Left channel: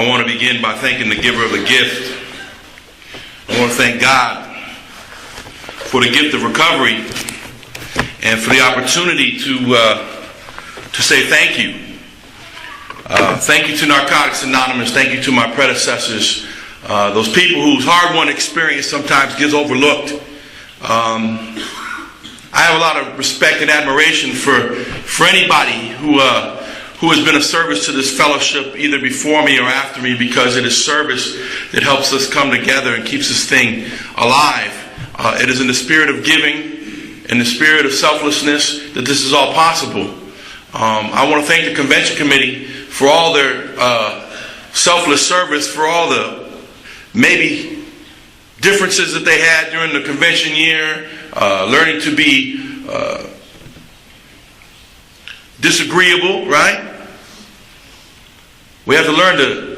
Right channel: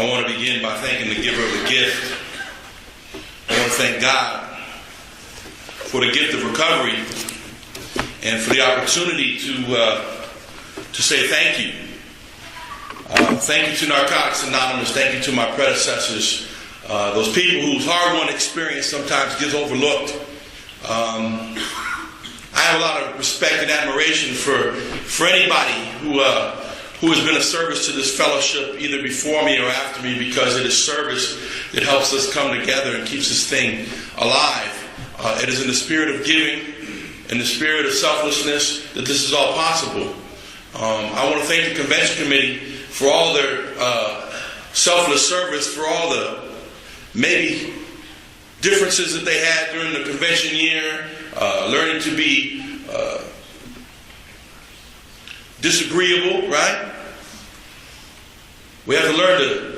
I want to begin by thanking the giver of the gift. I want to thank God for the gift of recovery and for the opportunity to say thank you. Thank you to Narcotics Anonymous. Thank you to my predecessors. Those people whose hard-won experience sometimes gets overlooked. I have a lot of respect and admiration for anybody who has been of service to this fellowship, either before me or after me, because it is service that helps us come together and keeps this thing alive. It is in the spirit of giving, in the spirit of selflessness, that this is all possible. I want to thank the convention committee for all their selfless service, for all the maybe differences that they had during the convention year, learning to be disagreeable, right? We have to learn to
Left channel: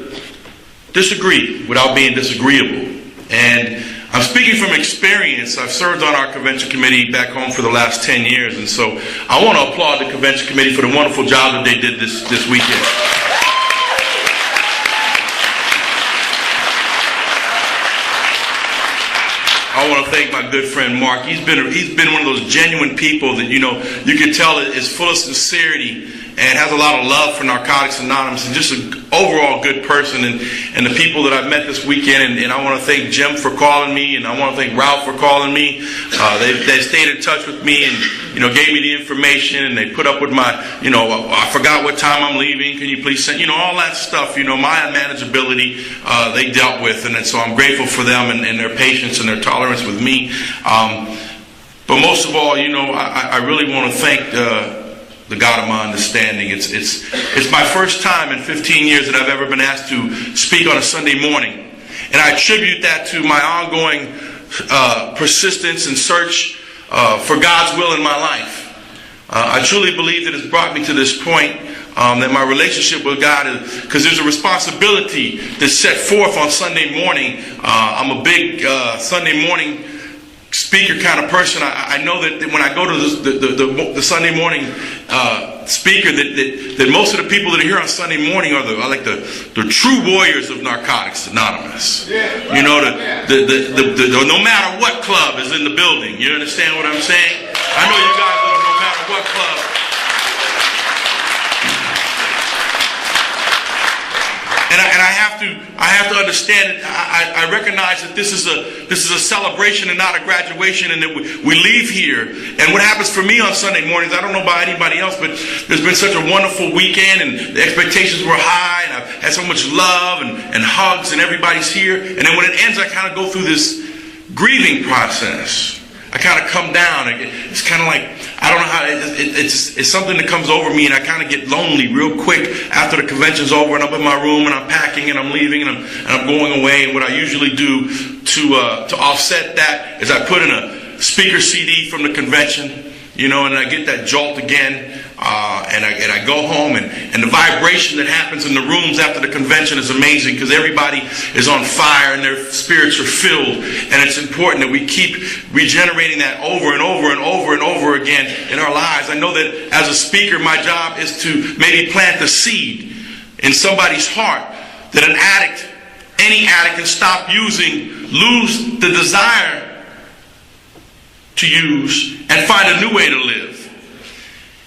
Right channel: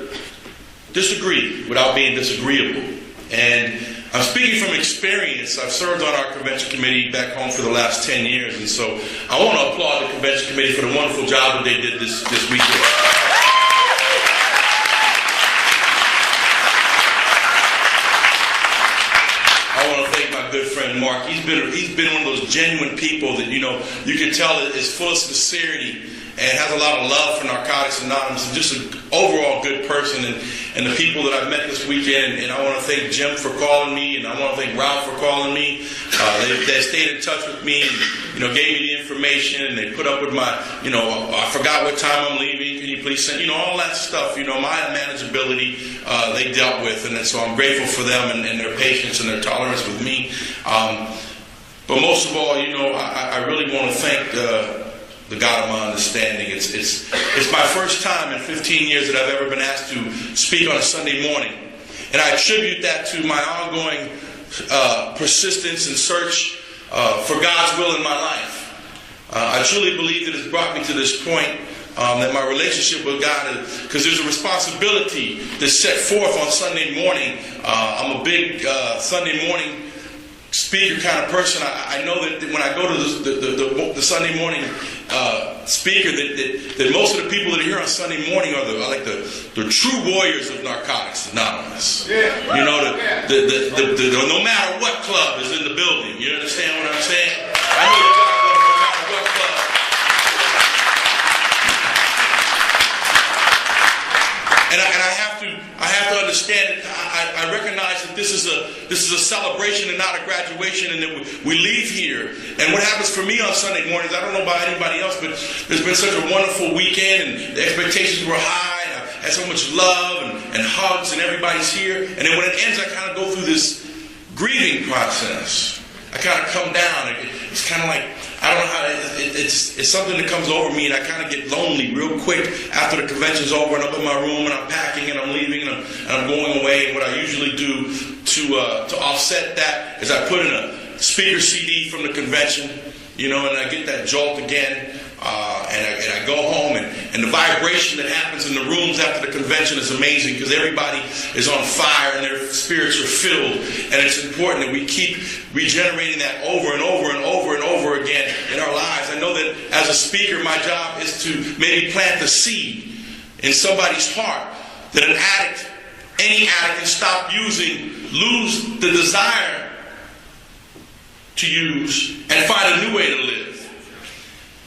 disagree without being disagreeable. And I'm speaking from experience. I've served on our convention committee back home for the last 10 years, and so I want to applaud the convention committee for the wonderful job that they did this weekend. I want to thank my good friend Mark. He's been one of those genuine people that, you can tell is full of sincerity and has a lot of love for Narcotics Anonymous, and just an overall good person, and the people that I've met this weekend. And I want to thank Jim for calling me, and I want to thank Ralph for calling me. They stayed in touch with me and gave me the information, and they put up with my I forgot what time I'm leaving, can you please send all that stuff, my unmanageability they dealt with, and so I'm grateful for them and their patience and their tolerance with me. But most of all, I really want to thank the God of my understanding. It's my first time in 15 years that I've ever been asked to speak on a Sunday morning, and I attribute that to my ongoing persistence and search for God's will in my life. I truly believe that it's brought me to this point, that my relationship with God is, because there's a responsibility that's set forth on Sunday morning. I'm a big Sunday morning speaker kind of person. I know that when I go to the Sunday morning speaker, that most of the people that are here on Sunday morning are like the true warriors of Narcotics Anonymous. Yeah, right. No matter what club is in the building. You understand what I'm saying? I know you guys know no matter what club. And I have to understand. I recognize that this is a celebration and not a graduation, and that we leave here. And what happens for me on Sunday mornings, I don't know about anybody else, but there's been such a wonderful weekend, and the expectations were high, and I've had so much love and hugs, and everybody's here. And then when it ends, I kind of go through this grieving process. I kind of come down. It's kind of like, I don't know how, it's something that comes over me, and I kind of get lonely real quick after the convention's over, and I'm in my room, and I'm packing, and I'm leaving, and I'm going away. And what I usually do to offset that is I put in a speaker CD from the convention, and I get that jolt again, and I go home, and the vibration that happens in the rooms after the convention is amazing, because everybody is on fire and their spirits are filled, and it's important that we keep regenerating that over and over and over and over again in our lives. I know that as a speaker, my job is to maybe plant the seed in somebody's heart that any addict can stop using, lose the desire to use, and find a new way to live.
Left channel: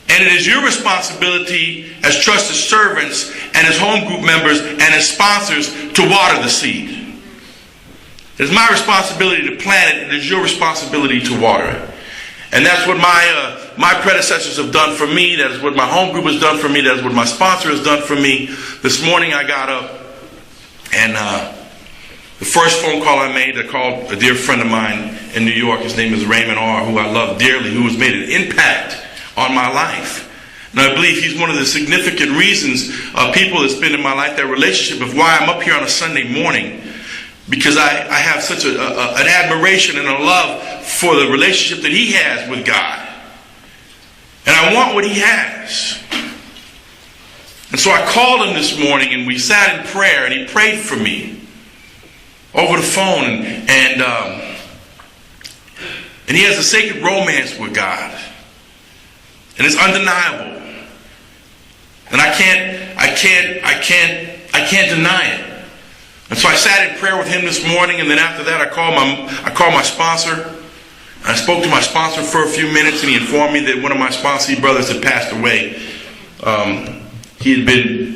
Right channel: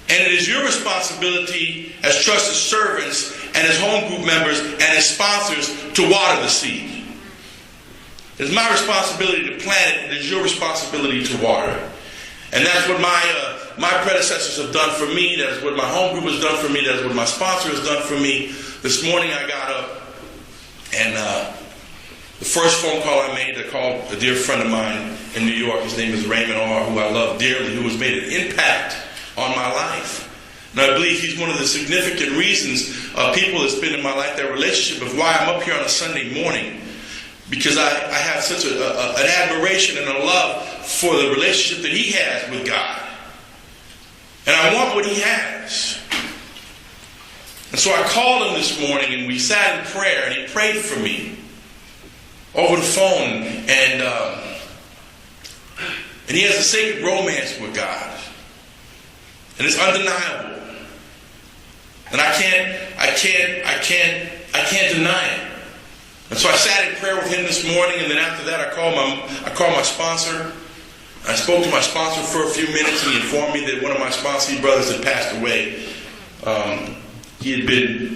And it is your responsibility as trusted servants and as home group members and as sponsors to water the seed. It is my responsibility to plant it. It is your responsibility to water it. And that's what my predecessors have done for me. That's what my home group has done for me. That's what my sponsor has done for me. This morning I got up, and the first phone call I made, I called a dear friend of mine in New York. His name is Raymond R., who I love dearly, who has made an impact on my life. And I believe he's one of the significant reasons people that spend in my life, that relationship, of why I'm up here on a Sunday morning. Because I have such an admiration and a love for the relationship that he has with God. And I want what he has. And so I called him this morning, and we sat in prayer, and he prayed for me over the phone. And he has a sacred romance with God. And it's undeniable. And I can't deny it. And so I sat in prayer with him this morning, and then after that I called my sponsor. I spoke to my sponsor for a few minutes, and he informed me that one of my sponsee brothers had passed away. He had been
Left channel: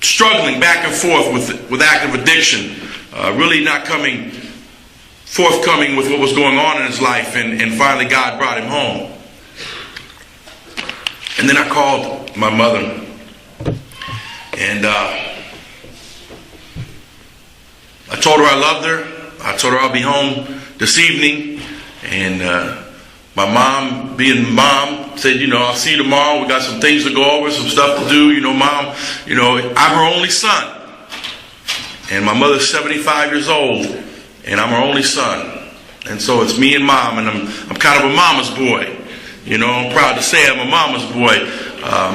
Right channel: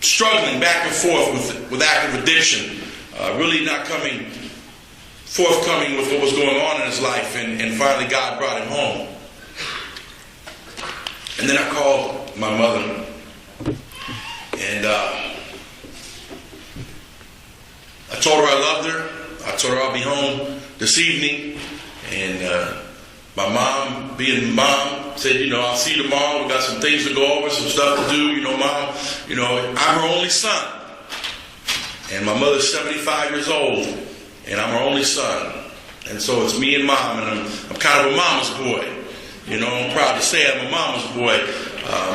struggling back and forth with active addiction, really not forthcoming with what was going on in his life, and finally God brought him home. And then I called my mother, and I told her I loved her. I told her I'll be home this evening. And my mom, being mom, said, I'll see you tomorrow. We got some things to go over, some stuff to do. Mom, I'm her only son. And my mother's 75 years old, and I'm her only son. And so it's me and mom, and I'm kind of a mama's boy. I'm proud to say I'm a mama's boy.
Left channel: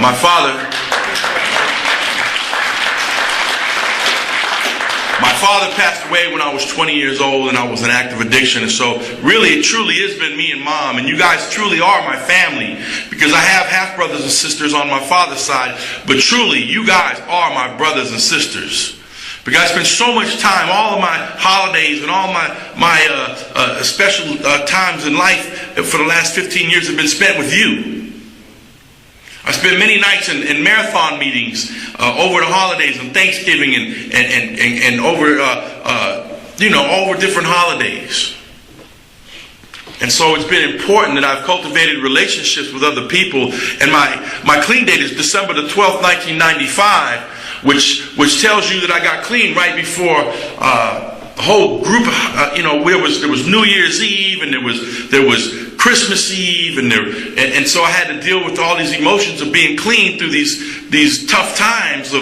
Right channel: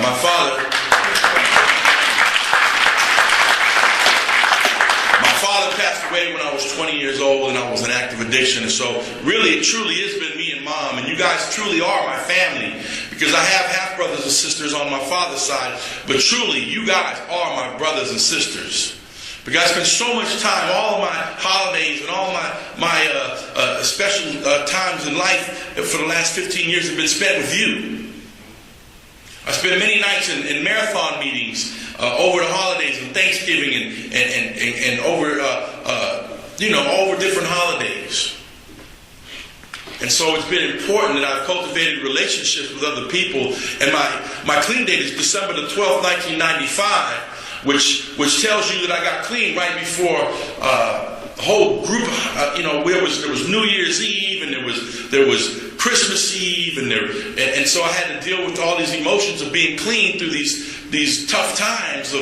My father passed away when I was 20 years old, and I was in active addiction. And so really, it truly has been me and mom, and you guys truly are my family, because I have half brothers and sisters on my father's side, but truly, you guys are my brothers and sisters. Because I spend so much time, all of my holidays and all my special times in life for the last 15 years have been spent with you. I spent many nights in marathon meetings over the holidays and Thanksgiving and over over different holidays. And so it's been important that I've cultivated relationships with other people. And my clean date is December the 12th, 1995, which tells you that I got clean right before a whole group of, there was New Year's Eve, and there was Christmas Eve, and so I had to deal with all these emotions of being clean through these tough times of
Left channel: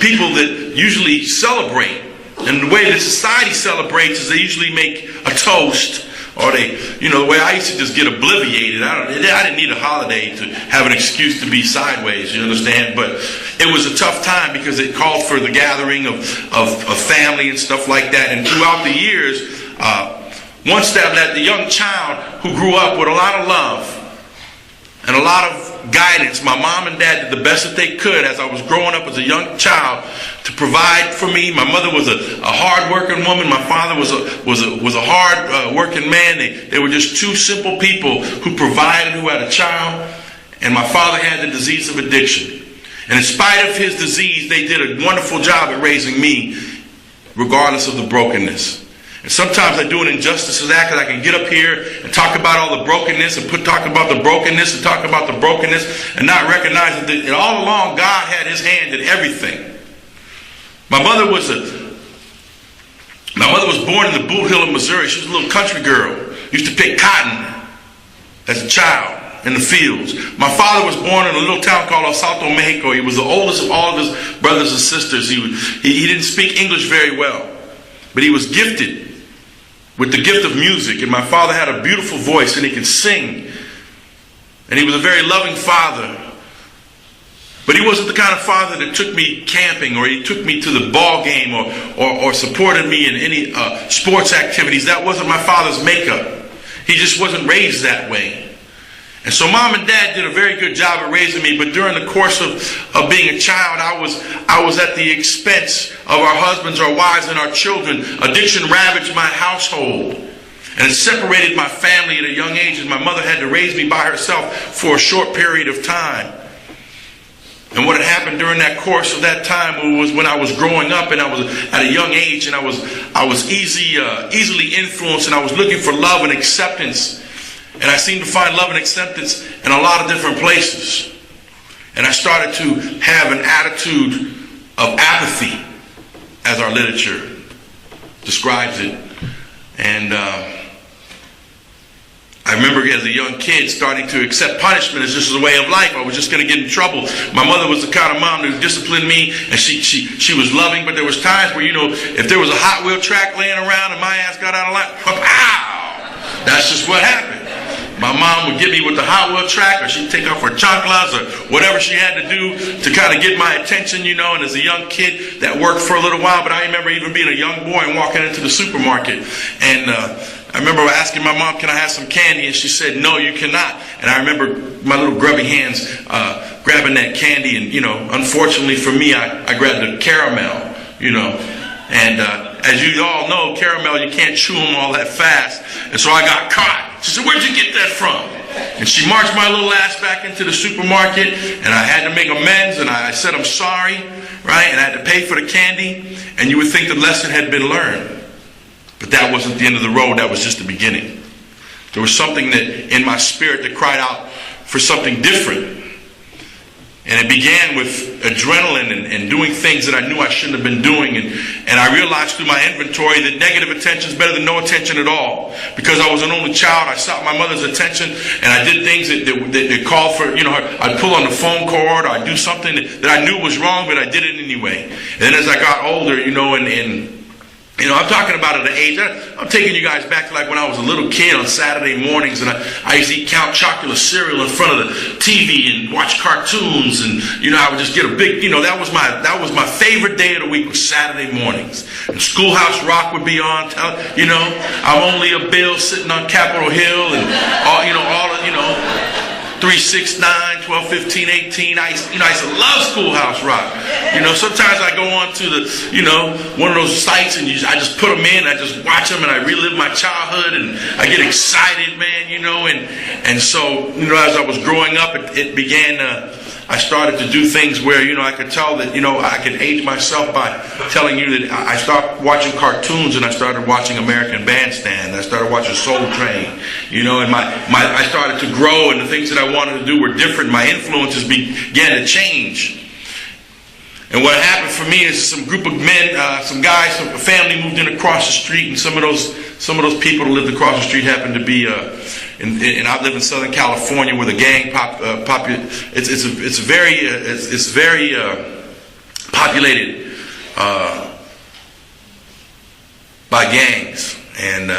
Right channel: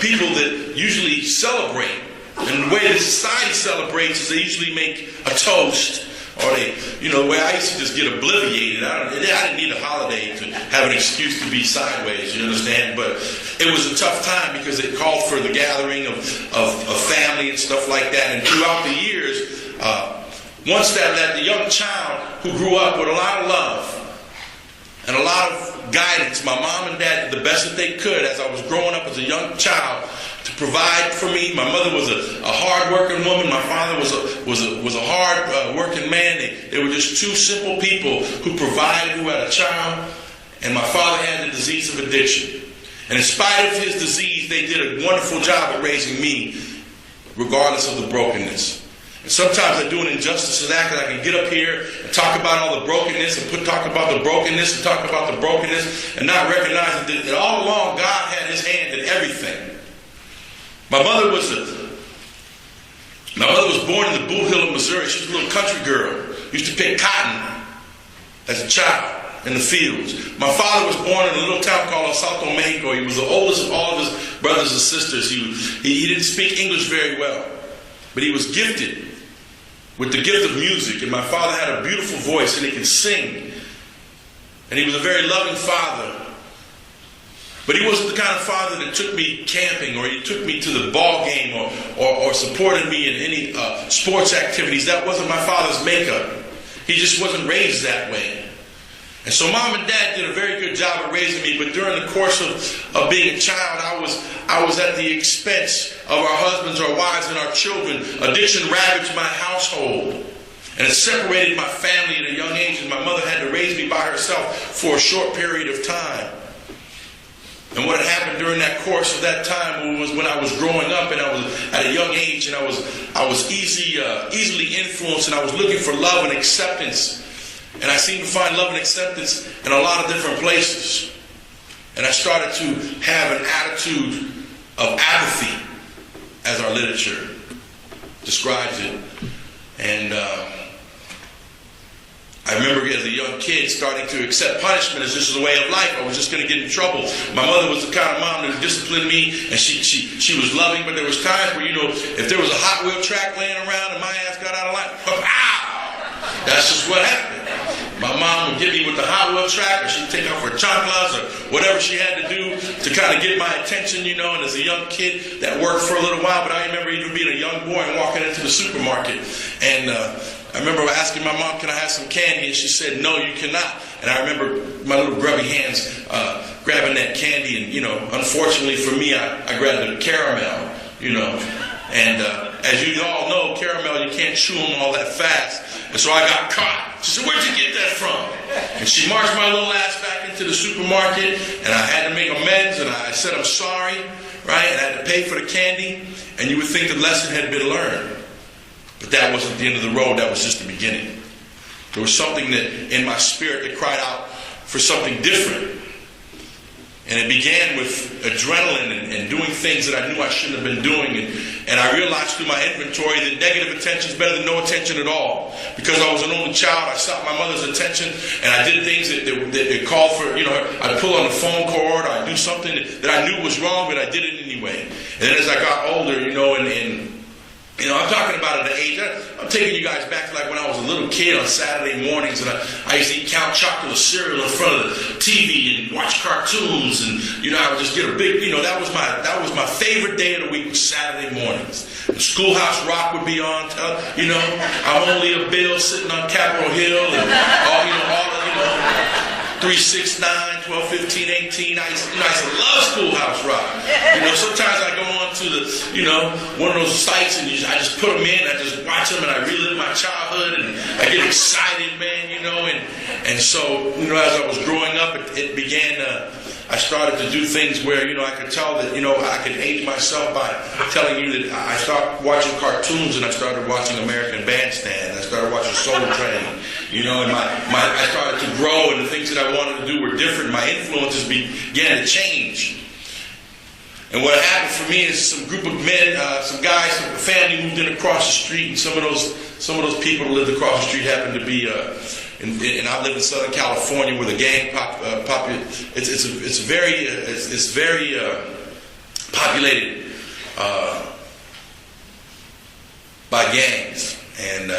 people that usually celebrate. And the way that society celebrates is they usually make a toast, or the way I used to just get obliviated. I didn't need a holiday to have an excuse to be sideways, you understand? But it was a tough time because it called for the gathering of family and stuff like that. And throughout the years, once that the young child who grew up with a lot of love and a lot of guidance, my mom and dad did the best that they could as I was growing up as a young child to provide for me. My mother was a hard-working woman. My father was a hard-working man. They were just two simple people who provided, who had a child. And my father had the disease of addiction. And in spite of his disease, they did a wonderful job at raising me, regardless of the brokenness. And sometimes I do an injustice to that, because I can get up here and talk about all the brokenness and talk about the brokenness and talk about the brokenness and not recognize that all along God had his hand in everything. My mother was born in the Boot Hill of Missouri. She was a little country girl. Used to pick cotton as a child in the fields. My father was born in a little town called El Salto, Mexico. He was the oldest of all of his brothers and sisters. He didn't speak English very well, but he was gifted with the gift of music. And my father had a beautiful voice, and he could sing. And he was a very loving father. But he wasn't the kind of father that took me camping, or he took me to the ball game, or supported me in any sports activities. That wasn't my father's makeup. He just wasn't raised that way. And so mom and dad did a very good job at raising me, but during the course of being a child, I was at the expense of our husbands, our wives, and our children. Addiction ravaged my household, and it separated my family at a young age, as my mother had to raise me by herself for a short period of time. And what had happened during that course of that time was when I was growing up, and I was at a young age, and I was easily influenced, and I was looking for love and acceptance. And I seemed to find love and acceptance in a lot of different places. And I started to have an attitude of apathy, as our literature describes it. And I remember as a young kid starting to accept punishment as just a way of life. I was just going to get in trouble. My mother was the kind of mom that disciplined me, and she was loving, but there was times where, if there was a Hot Wheel track laying around and my ass got out of line, ow! That's just what happened. My mom would get me with the Hot Wheel track, or she'd take off her chanclas or whatever she had to do to kind of get my attention, and as a young kid, that worked for a little while. But I remember even being a young boy and walking into the supermarket, and I remember asking my mom, "Can I have some candy?" And she said, "No, you cannot." And I remember my little grubby hands grabbing that candy, and unfortunately for me, I grabbed the caramel, And as you all know, caramel, you can't chew them all that fast. And so I got caught. She said, "Where'd you get that from?" And she marched my little ass back into the supermarket, and I had to make amends, and I said, "I'm sorry," right? And I had to pay for the candy, and you would think the lesson had been learned. But that wasn't the end of the road. That was just the beginning. There was something that in my spirit that cried out for something different. And it began with adrenaline and doing things that I knew I shouldn't have been doing. And I realized through my inventory that negative attention is better than no attention at all. Because I was an only child, I sought my mother's attention, and I did things that called for, I'd pull on the phone cord, or I'd do something that I knew was wrong, but I did it anyway. And then as I got older, I'm talking about at an age, I'm taking you guys back to like when I was a little kid on Saturday mornings, and I used to eat Count Chocula cereal in front of the TV and watch cartoons, and I would just get a big, that was my favorite day of the week, was Saturday mornings. And Schoolhouse Rock would be on, I'm Only a Bill sitting on Capitol Hill, and all 3, 6, 9, 12, 15, 18. I used to love Schoolhouse Rock. Sometimes I go on to the, one of those sites, and I just put them in, I just watch them, and I relive my childhood, and I get excited, man, and so, as I was growing up, it began, I started to do things where, I could tell that, I could age myself by telling you that I started watching cartoons, and I started watching American Bandstand, and I started watching Soul Train, and I started to grow, and the things that I wanted to do were different. My influences began to change. And what happened for me is some group of men, some guys, some family moved in across the street, and some of those people who lived across the street happened to be, and I live in Southern California, where the gang it's very populated by gangs. And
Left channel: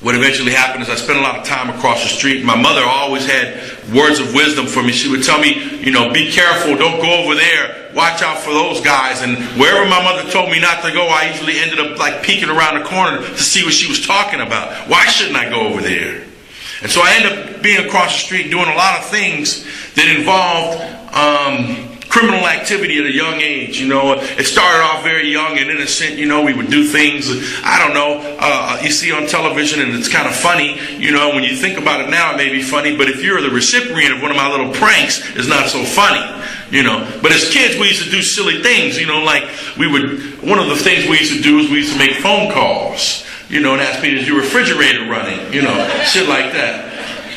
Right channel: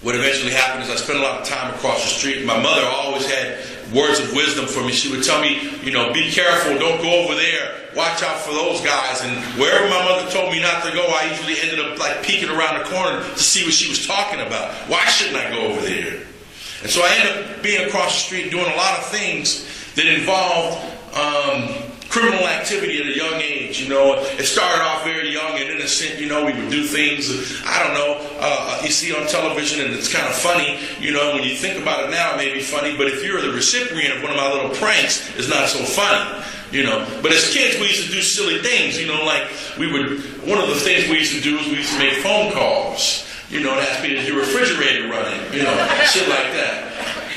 what eventually happened is I spent a lot of time across the street. My mother always had words of wisdom for me. She would tell me, be careful, don't go over there, watch out for those guys. And wherever my mother told me not to go, I usually ended up like peeking around the corner to see what she was talking about. Why shouldn't I go over there? And so I ended up being across the street doing a lot of things that involved criminal activity at a young age. It started off very young and innocent. We would do things, you see on television, and it's kind of funny. When you think about it now, it may be funny, but if you're the recipient of one of my little pranks, it's not so funny. But as kids, we used to do silly things. Like one of the things we used to do is we used to make phone calls. And ask me, is your refrigerator running? Shit like that.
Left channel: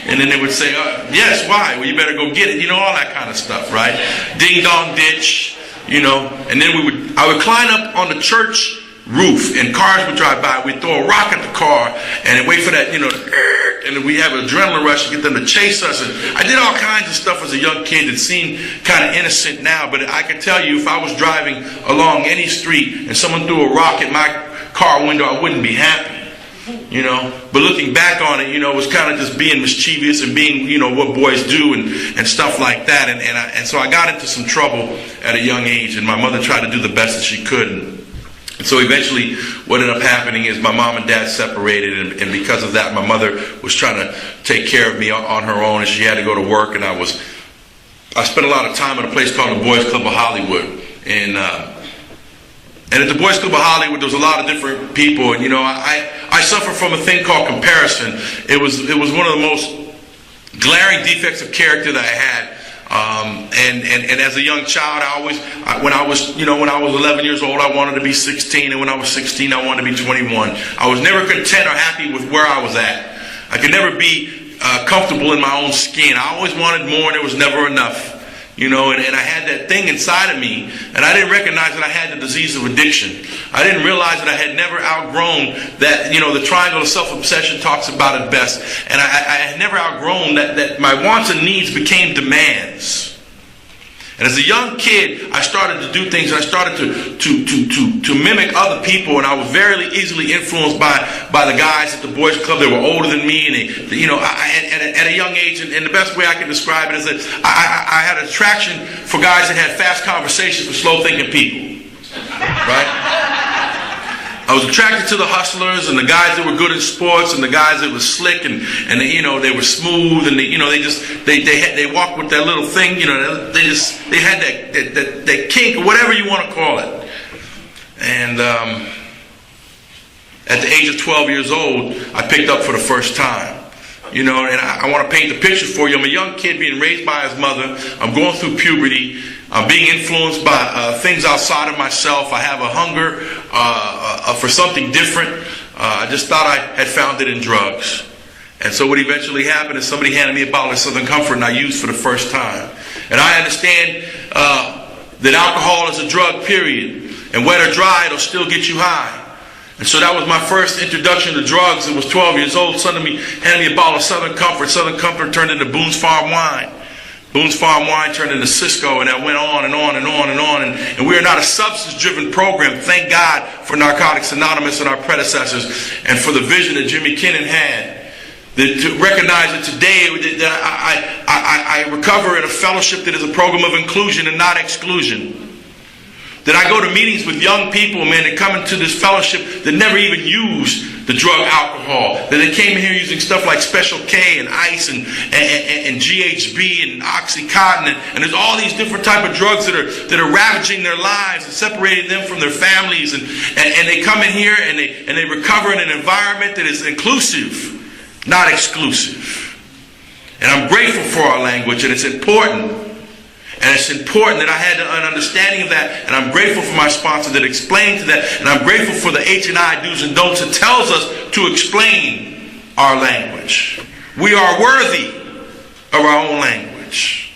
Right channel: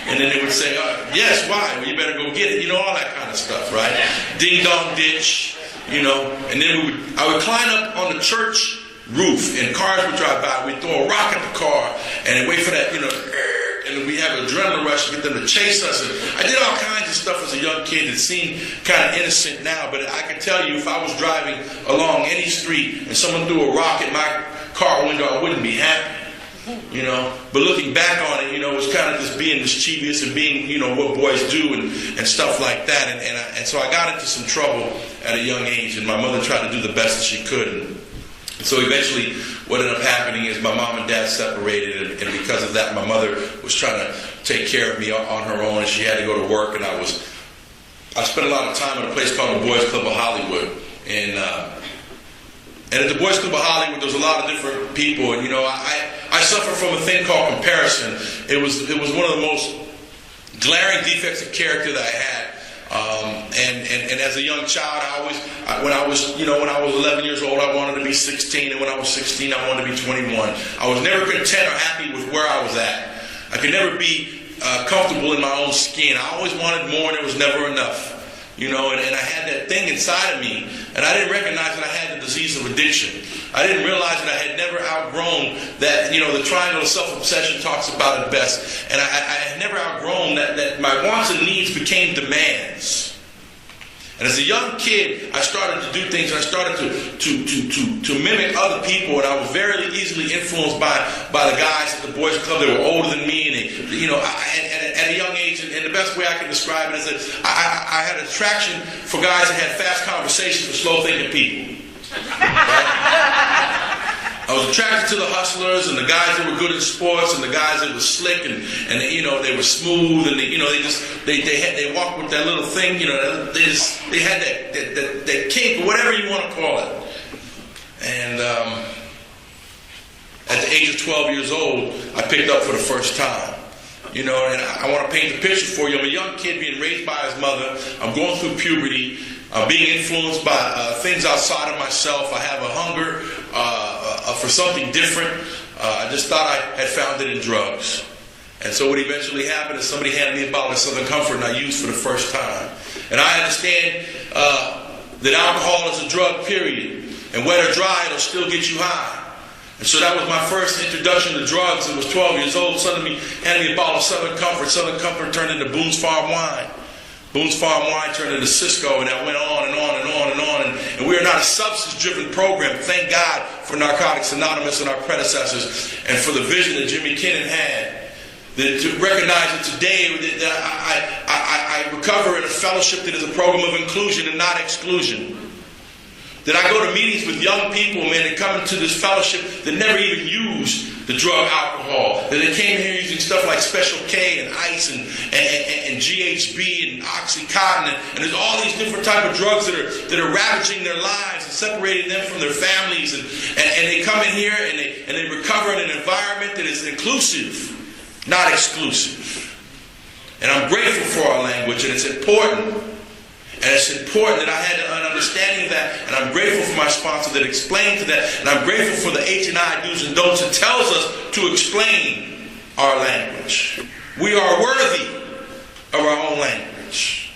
And then they would say, yes, why? Well, you better go get it. All that kind of stuff, right? Ding dong ditch, And then I would climb up on the church roof, and cars would drive by. We'd throw a rock at the car, and wait for that, and then we have an adrenaline rush to get them to chase us. And I did all kinds of stuff as a young kid that seemed kind of innocent now, but I can tell you, if I was driving along any street and someone threw a rock at my car window, I wouldn't be happy. But looking back on it, it was kind of just being mischievous and being, what boys do and stuff like that. And so I got into some trouble at a young age, and my mother tried to do the best that she could. And so eventually what ended up happening is my mom and dad separated, and because of that, my mother was trying to take care of me on her own, and she had to go to work, and I spent a lot of time at a place called the Boys Club of Hollywood. And at the Boys Club of Hollywood, there was a lot of different people, and I suffer from a thing called comparison. It was one of the most glaring defects of character that I had. And as a young child, when I was 11 years old, I wanted to be 16, and when I was 16, I wanted to be 21. I was never content or happy with where I was at. I could never be comfortable in my own skin. I always wanted more, and it was never enough. And I had that thing inside of me, and I didn't recognize that I had the disease of addiction. I didn't realize that I had never outgrown that, the triangle of self-obsession talks about it best, and I had never outgrown that my wants and needs became demands. And as a young kid, I started to do things, and I started to mimic other people, and I was very easily influenced by the guys at the Boys Club. They were older than me, and at a young age, and the best way I can describe it is that I had an attraction for guys that had fast conversations with slow-thinking people, right? I was attracted to the hustlers and the guys that were good in sports and the guys that were slick and they were smooth, and they walked with that little thing, they had that kink, or whatever you want to call it. And at the age of 12 years old, I picked up for the first time. You know, and I want to paint the picture for you. I'm a young kid being raised by his mother. I'm going through puberty. I'm being influenced by things outside of myself. I have a hunger for something different. I just thought I had found it in drugs. And so what eventually happened is somebody handed me a bottle of Southern Comfort, and I used for the first time. And I understand that alcohol is a drug, period. And wet or dry, it'll still get you high. And so that was my first introduction to drugs. It was 12 years old. Suddenly handed me a bottle of Southern Comfort. Southern Comfort turned into Boone's Farm Wine. Boone's Farm Wine turned into Cisco, and that went on and on and on and on. And we are not a substance-driven program. Thank God for Narcotics Anonymous and our predecessors, and for the vision that Jimmy Kinnon had. To recognize that today that I recover in a fellowship that is a program of inclusion and not exclusion. That I go to meetings with young people, man, that come into this fellowship that never even use the drug alcohol. That they came here using stuff like Special K and Ice and GHB and Oxycontin. And there's all these different type of drugs that are ravaging their lives and separating them from their families. And they come in here and they recover in an environment that is inclusive, not exclusive. And I'm grateful for our language, and it's important. And it's important that I had an understanding of that. And I'm grateful for my sponsor that explained to that. And I'm grateful for the H&I do's and don'ts that tells us to explain our language. We are worthy of our own language.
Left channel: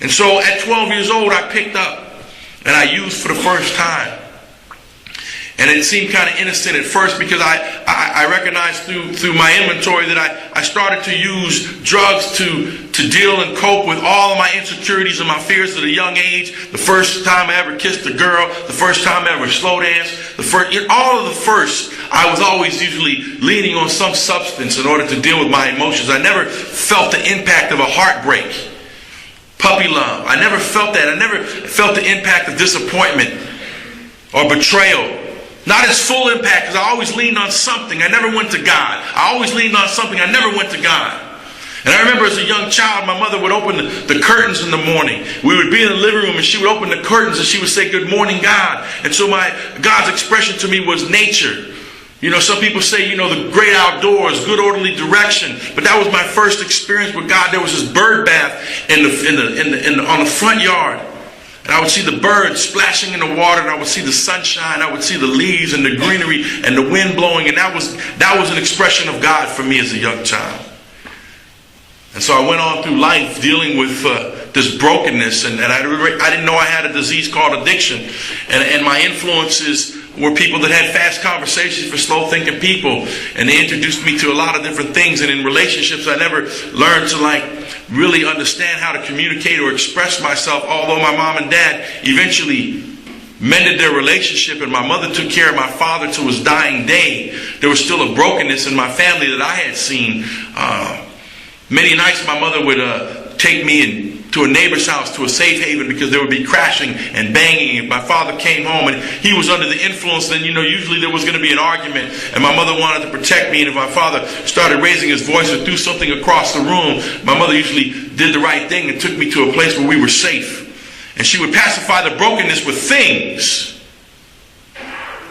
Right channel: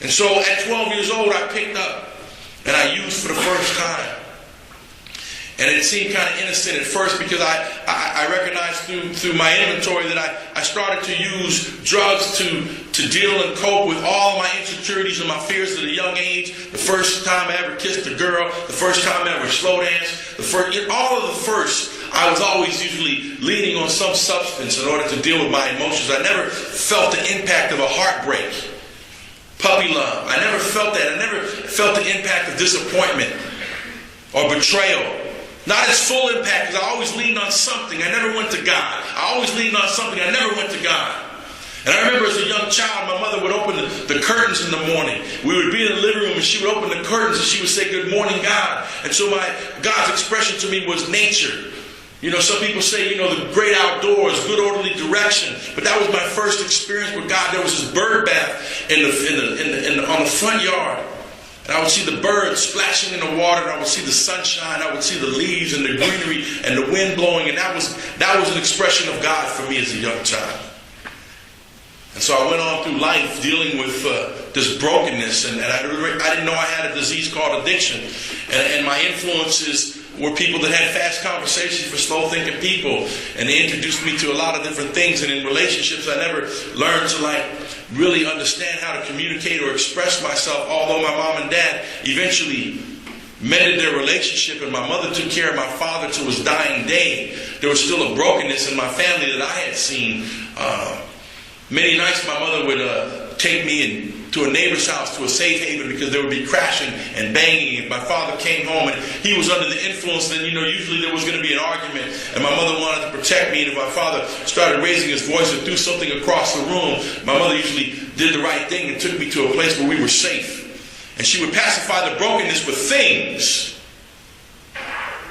And so at 12 years old, I picked up and I used for the first time. And it seemed kind of innocent at first, because I recognized through my inventory that I started to use drugs to deal and cope with all of my insecurities and my fears at a young age. The first time I ever kissed a girl, the first time I ever slow danced, all of the first, I was always usually leaning on some substance in order to deal with my emotions. I never felt the impact of a heartbreak, puppy love. I never felt that. I never felt the impact of disappointment or betrayal. Not its full impact, because I always leaned on something. I never went to God. I always leaned on something. I never went to God. And I remember as a young child, my mother would open the curtains in the morning. We would be in the living room, and she would open the curtains, and she would say, "Good morning, God." And so God's expression to me was nature. You know, some people say, you know, the great outdoors, good orderly direction. But that was my first experience with God. There was this bird bath on the front yard. And I would see the birds splashing in the water, and I would see the sunshine, I would see the leaves and the greenery and the wind blowing, and that was an expression of God for me as a young child. And so I went on through life dealing with this brokenness, and I didn't know I had a disease called addiction. And my influences were people that had fast conversations for slow-thinking people, and they introduced me to a lot of different things. And in relationships, I never learned to really understand how to communicate or express myself, although my mom and dad eventually mended their relationship, and my mother took care of my father to his dying day. There was still a brokenness in my family that I had seen. Many nights my mother would take me to a neighbor's house, to a safe haven, because there would be crashing and banging. If my father came home and he was under the influence, then, usually there was going to be an argument, and my mother wanted to protect me. And if my father started raising his voice or threw something across the room, my mother usually did the right thing and took me to a place where we were safe. And she would pacify the brokenness with things.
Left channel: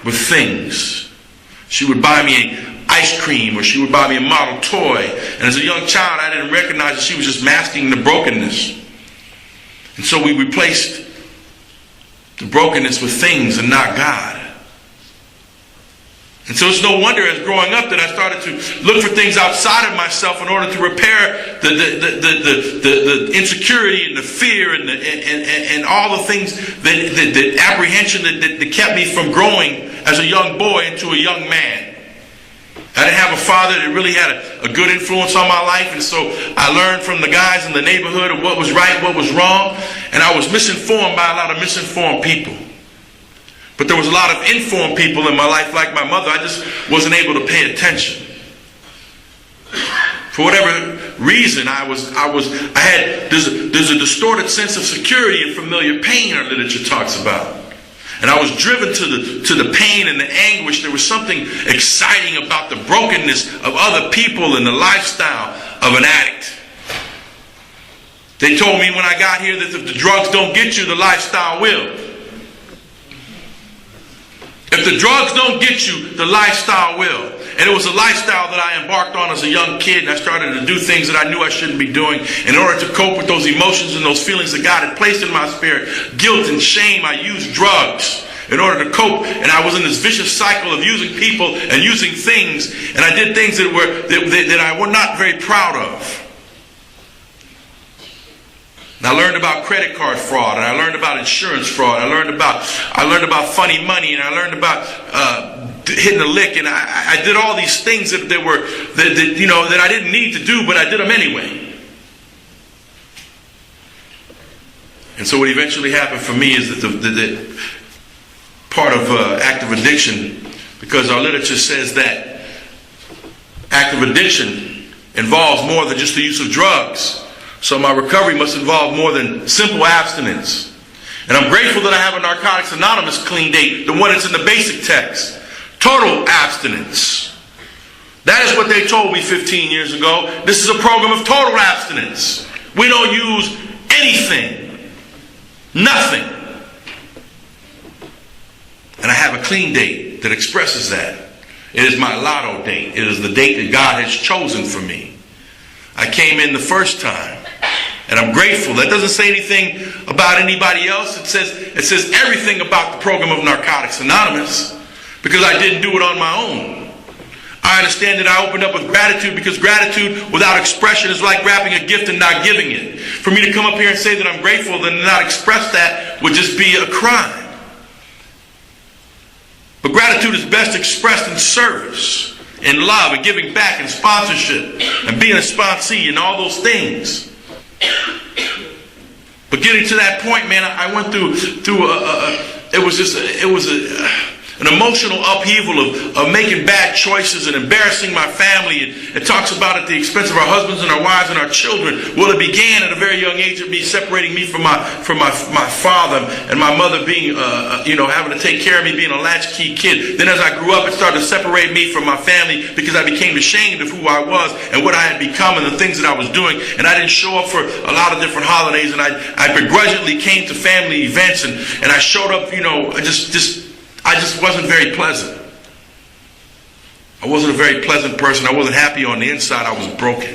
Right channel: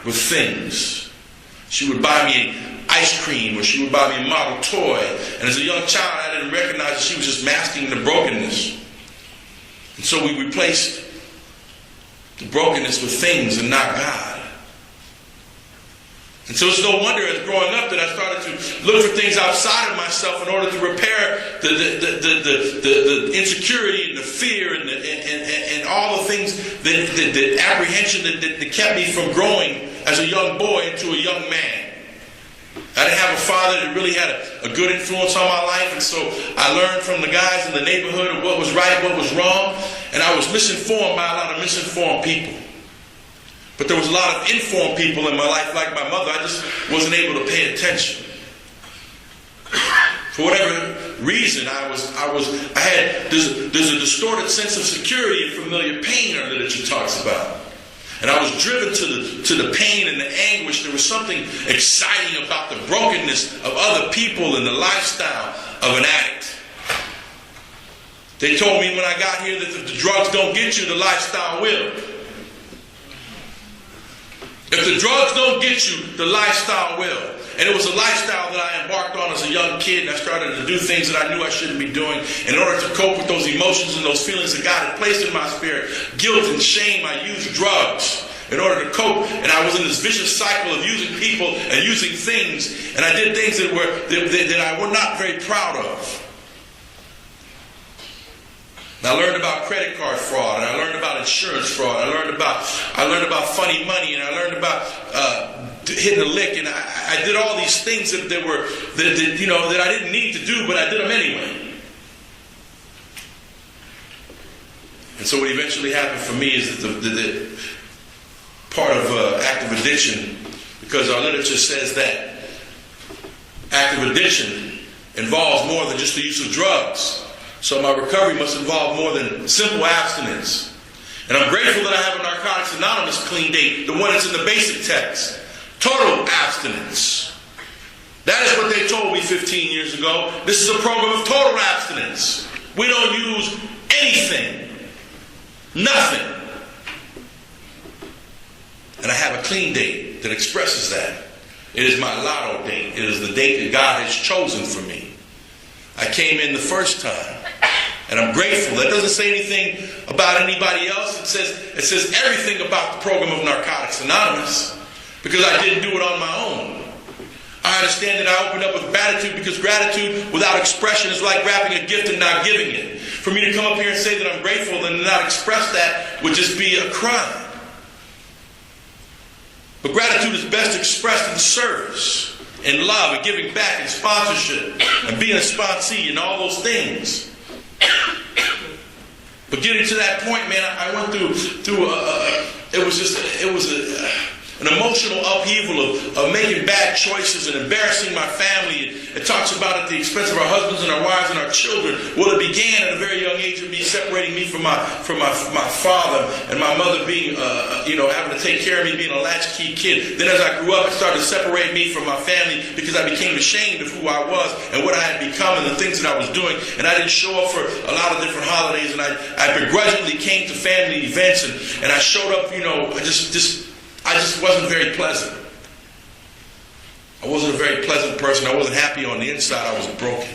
With things. She would buy me ice cream, or she would buy me a model toy. And as a young child, I didn't recognize that she was just masking the brokenness. And so we replaced the brokenness with things and not God. And so it's no wonder as growing up that I started to look for things outside of myself in order to repair the insecurity and the fear and all the things, the apprehension that kept me from growing as a young boy into a young man. I didn't have a father that really had a good influence on my life, and so I learned from the guys in the neighborhood of what was right, what was wrong, and I was misinformed by a lot of misinformed people. But there was a lot of informed people in my life, like my mother. I just wasn't able to pay attention. For whatever reason, there's a distorted sense of security and familiar pain our literature talks about. And I was driven to the pain and the anguish. There was something exciting about the brokenness of other people and the lifestyle of an addict. They told me when I got here that if the drugs don't get you, the lifestyle will. If the drugs don't get you, the lifestyle will. And it was a lifestyle that I embarked on as a young kid, and I started to do things that I knew I shouldn't be doing in order to cope with those emotions and those feelings that God had placed in my spirit. Guilt and shame, I used drugs in order to cope, and I was in this vicious cycle of using people and using things, and I did things that I was not very proud of. And I learned about credit card fraud, and I learned about insurance fraud. I learned about funny money, and I learned about hitting a lick, and I did all these things that I didn't need to do, but I did them anyway. And so what eventually happened for me is that the part of active addiction, because our literature says that active addiction involves more than just the use of drugs. So my recovery must involve more than simple abstinence. And I'm grateful that I have a Narcotics Anonymous clean date, the one that's in the basic text. Total abstinence. That is what they told me 15 years ago. This is a program of total abstinence. We don't use anything. Nothing. And I have a clean date that expresses that. It is my lotto date. It is the date that God has chosen for me. I came in the first time. And I'm grateful. That doesn't say anything about anybody else. It says everything about the program of Narcotics Anonymous, because I didn't do it on my own. I understand that I opened up with gratitude, because gratitude without expression is like wrapping a gift and not giving it. For me to come up here and say that I'm grateful and not express that would just be a crime. But gratitude is best expressed in service, in love, and giving back, and sponsorship, and being a sponsee, and all those things. But getting to that point, man, I went through an emotional upheaval of making bad choices and embarrassing my family. And it talks about at the expense of our husbands and our wives and our children. Well, it began at a very young age of me separating me from my father, and my mother being, having to take care of me, being a latchkey kid. Then as I grew up, it started to separate me from my family, because I became ashamed of who I was and what I had become and the things that I was doing. And I didn't show up for a lot of different holidays, and I begrudgingly came to family events, and I showed up, I just wasn't very pleasant. I wasn't a very pleasant person. I wasn't happy on the inside. I was broken.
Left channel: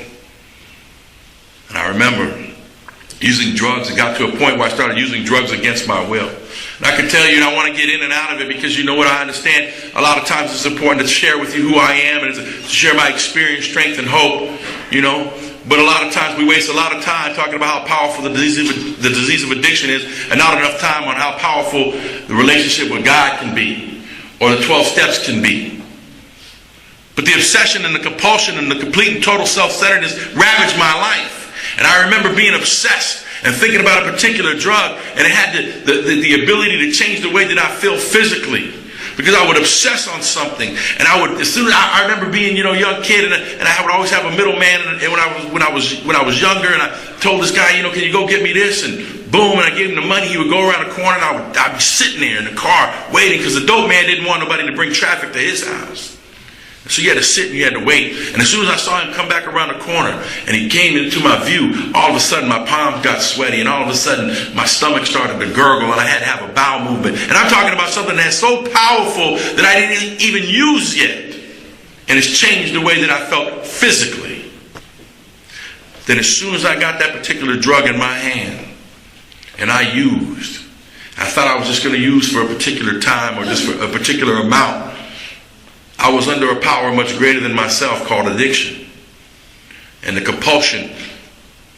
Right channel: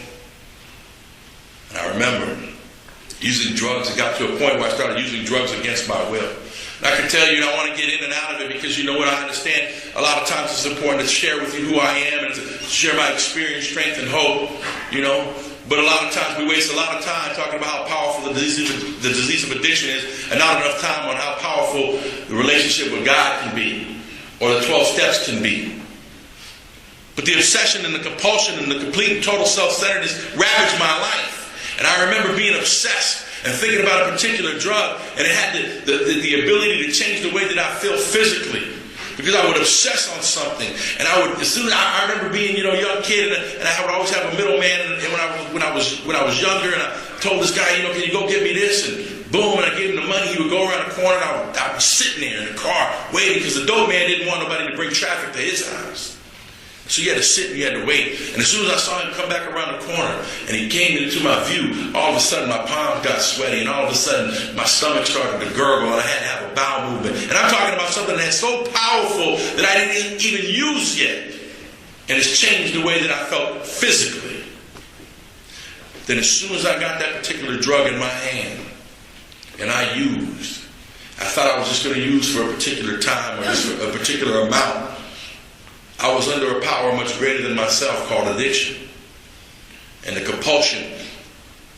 And I remember using drugs. It got to a point where I started using drugs against my will. And I can tell you, and I want to get in and out of it, because you know what, I understand a lot of times it's important to share with you who I am, and to share my experience, strength, and hope, But a lot of times we waste a lot of time talking about how powerful the disease of addiction is, and not enough time on how powerful the relationship with God can be, or the 12 steps can be. But the obsession and the compulsion and the complete and total self-centeredness ravaged my life. And I remember being obsessed and thinking about a particular drug, and it had the ability to change the way that I feel physically. Because I would obsess on something, and I remember being, young kid, and I would always have a middleman. And when I was younger, and I told this guy, can you go get me this? And boom, and I gave him the money. He would go around the corner, and I'd be sitting there in the car waiting, because the dope man didn't want nobody to bring traffic to his house. So you had to sit and you had to wait. And as soon as I saw him come back around the corner and he came into my view, all of a sudden my palms got sweaty, and all of a sudden my stomach started to gurgle, and I had to have a bowel movement. And I'm talking about something that's so powerful that I didn't even use yet. And it's changed the way that I felt physically. Then as soon as I got that particular drug in my hand and I used, I thought I was just going to use for a particular time or just for a particular amount. I was under a power much greater than myself called addiction. And the compulsion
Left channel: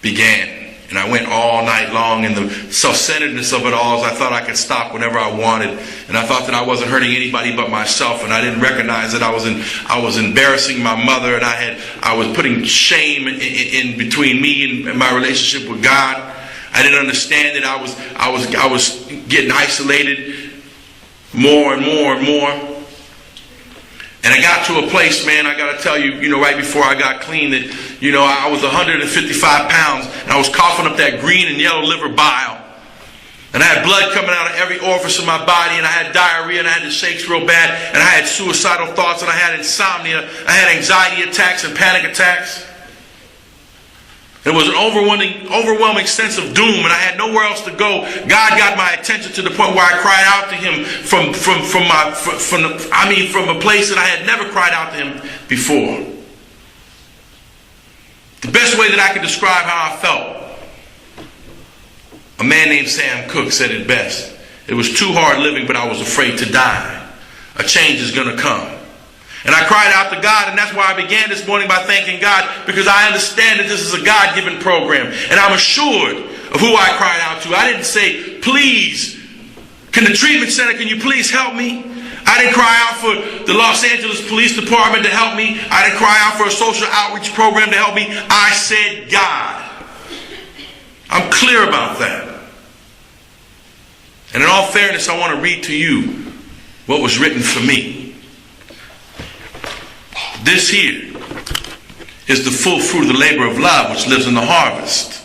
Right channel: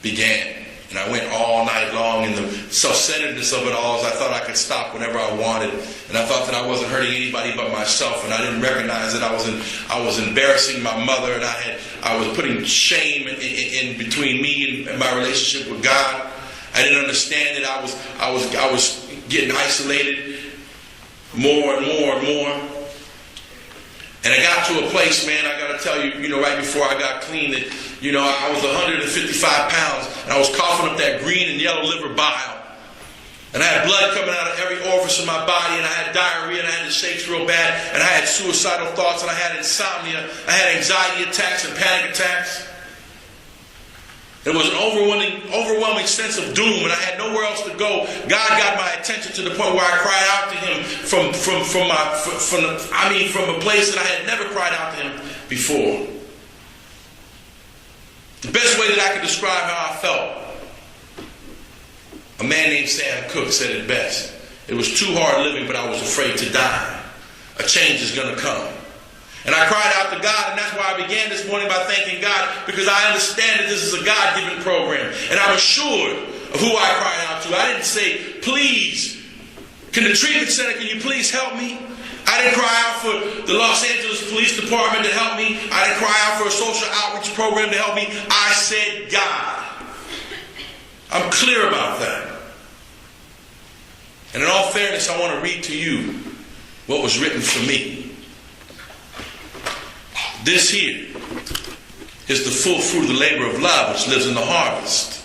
began. And I went all night long in the self-centeredness of it all, as I thought I could stop whenever I wanted. And I thought that I wasn't hurting anybody but myself. And I didn't recognize that I was embarrassing my mother, and I was putting shame in between me and my relationship with God. I didn't understand that I was getting isolated more and more and more. And I got to a place, man, I got to tell you, right before I got clean, that, I was 155 pounds, and I was coughing up that green and yellow liver bile. And I had blood coming out of every orifice of my body, and I had diarrhea, and I had the shakes real bad, and I had suicidal thoughts, and I had insomnia, I had anxiety attacks and panic attacks. There was an overwhelming sense of doom, and I had nowhere else to go. God got my attention to the point where I cried out to Him from a place that I had never cried out to Him before. The best way that I could describe how I felt, a man named Sam Cooke said it best. It was too hard living, but I was afraid to die. A change is going to come. And I cried out to God, and that's why I began this morning by thanking God, because I understand that this is a God-given program, and I'm assured of who I cried out to. I didn't say, please, can the treatment center, can you please help me? I didn't cry out for the Los Angeles Police Department to help me. I didn't cry out for a social outreach program to help me. I said, God. I'm clear about that. And in all fairness, I want to read to you what was written for me. This here is the full fruit of the labor of love which lives in the harvest.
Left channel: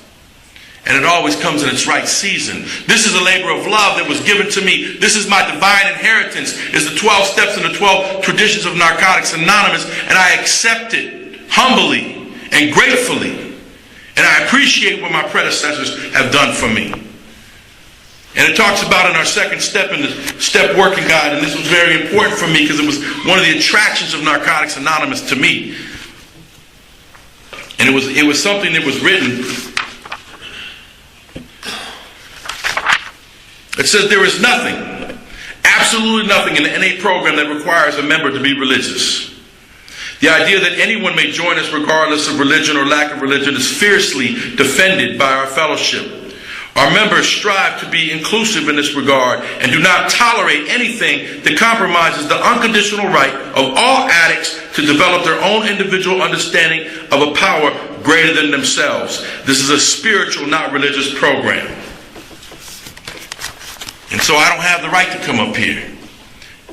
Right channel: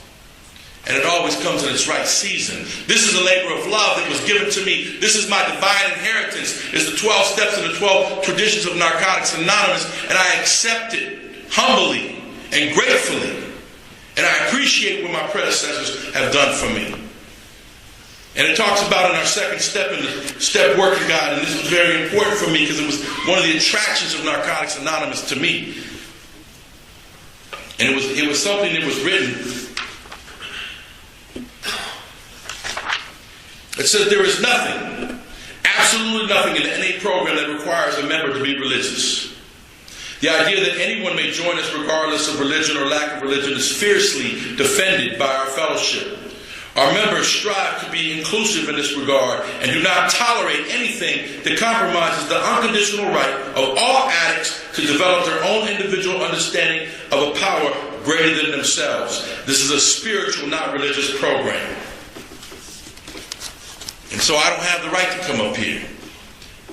And it always comes in its right season. This is a labor of love that was given to me. This is my divine inheritance. It's the 12 steps and the 12 traditions of Narcotics Anonymous. And I accept it humbly and gratefully. And I appreciate what my predecessors have done for me. And it talks about in our second step in the step working guide, and this was very important for me because it was one of the attractions of Narcotics Anonymous to me. And it was something that was written. It says there is nothing, absolutely nothing in the NA program that requires a member to be religious. The idea that anyone may join us regardless of religion or lack of religion is fiercely defended by our fellowship. Our members strive to be inclusive in this regard and do not tolerate anything that compromises the unconditional right of all addicts to develop their own individual understanding of a power greater than themselves. This is a spiritual, not religious program. And so I don't have the right to come up here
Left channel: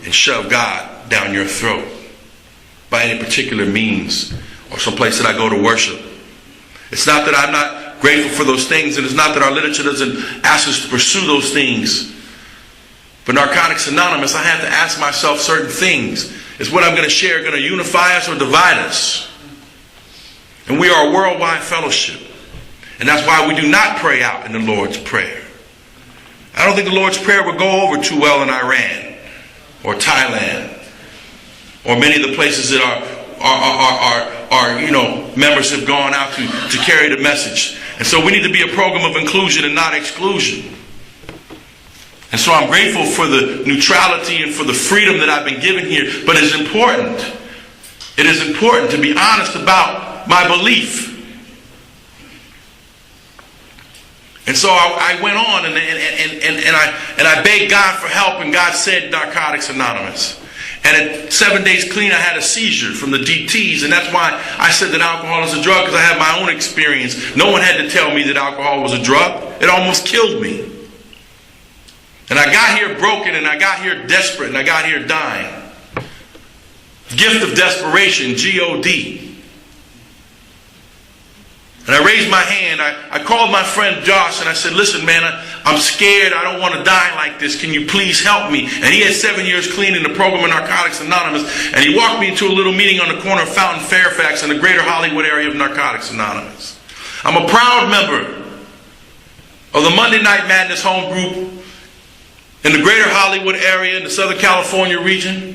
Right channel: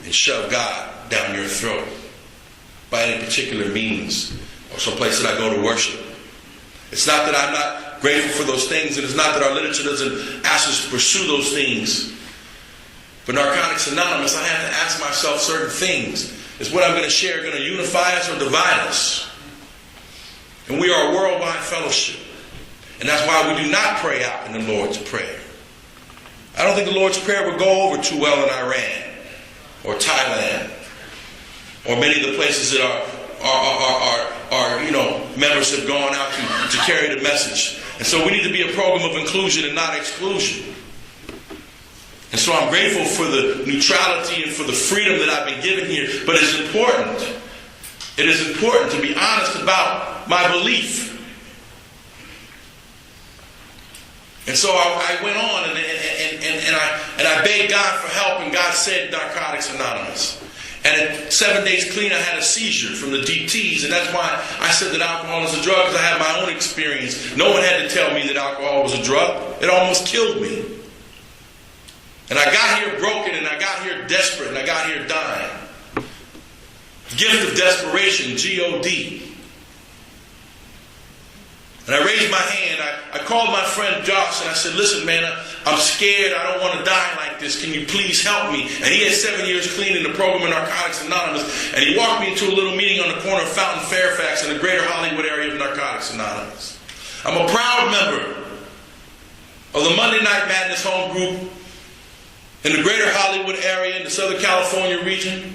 and shove God down your throat by any particular means or some place that I go to worship. It's not that I'm not grateful for those things, and it's not that our literature doesn't ask us to pursue those things. But Narcotics Anonymous, I have to ask myself certain things. Is what I'm going to share going to unify us or divide us? And we are a worldwide fellowship. And that's why we do not pray out in the Lord's Prayer. I don't think the Lord's Prayer would go over too well in Iran or Thailand or many of the places that our members have gone out to carry the message. And so we need to be a program of inclusion and not exclusion. And so I'm grateful for the neutrality and for the freedom that I've been given here. But it's important. It is important to be honest about my belief. And so I went on and I begged God for help, and God said Narcotics Anonymous. And at 7 days clean, I had a seizure from the DTs, and that's why I said that alcohol is a drug, because I have my own experience. No one had to tell me that alcohol was a drug. It almost killed me. And I got here broken, and I got here desperate, and I got here dying. Gift of desperation, G-O-D. And I raised my hand. I called my friend Josh, and I said, listen, man, I'm scared. I don't want to die like this. Can you please help me? And he had 7 years clean in the program of Narcotics Anonymous. And he walked me into a little meeting on the corner of Fountain Fairfax in the greater Hollywood area of Narcotics Anonymous. I'm a proud member of the Monday Night Madness home group in the greater Hollywood area in the Southern California region.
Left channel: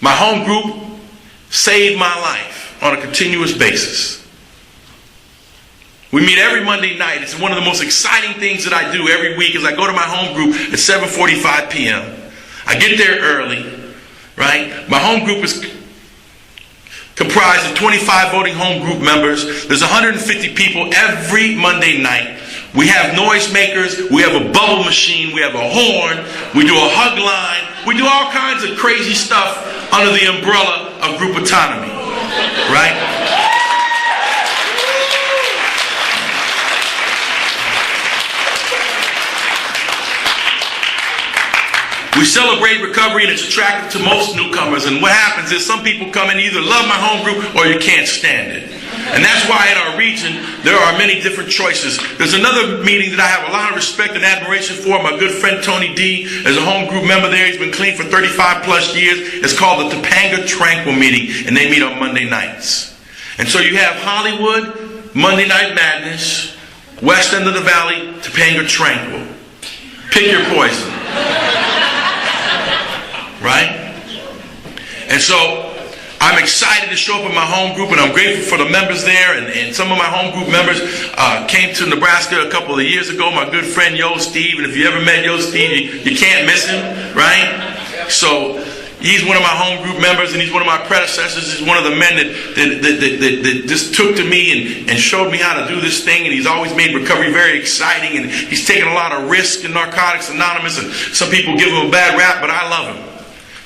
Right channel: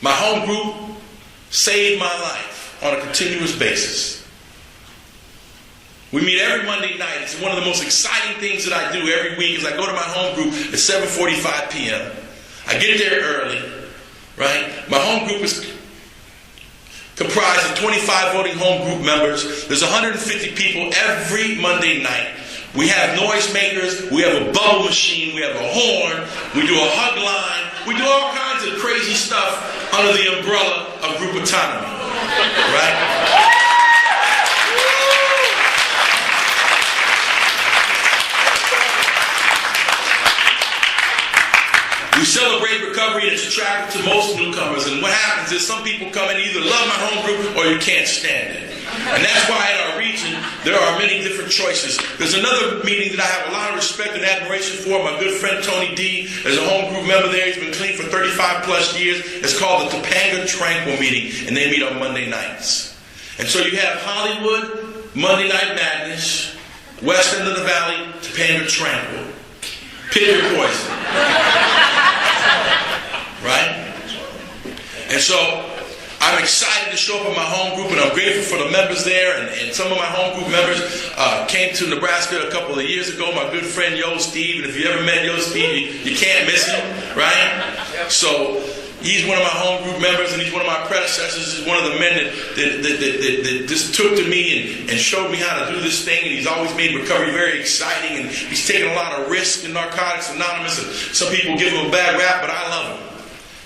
My home group saved my life on a continuous basis. We meet every Monday night. It's one of the most exciting things that I do every week is I go to my home group at 7:45 p.m. I get there early, right? My home group is comprised of 25 voting home group members. There's 150 people every Monday night. We have noisemakers. We have a bubble machine. We have a horn. We do a hug line. We do all kinds of crazy stuff under the umbrella of group autonomy, right? We celebrate recovery, and it's attractive to most newcomers. And what happens is some people come and either love my home group or you can't stand it. And that's why in our region, there are many different choices. There's another meeting that I have a lot of respect and admiration for. My good friend Tony D is a home group member there. He's been clean for 35 plus years. It's called the Topanga Tranquil meeting, and they meet on Monday nights. And so you have Hollywood, Monday Night Madness, West End of the Valley, Topanga Tranquil. Pick your poison. Right? And so I'm excited to show up in my home group, and I'm grateful for the members there. And some of my home group members came to Nebraska a couple of years ago. My good friend Yo Steve, and if you ever met Yo Steve, you can't miss him, right? So he's one of my home group members, and he's one of my predecessors. He's one of the men that just took to me and showed me how to do this thing. And he's always made recovery very exciting. And he's taken a lot of risks in Narcotics Anonymous. And some people give him a bad rap, but I love him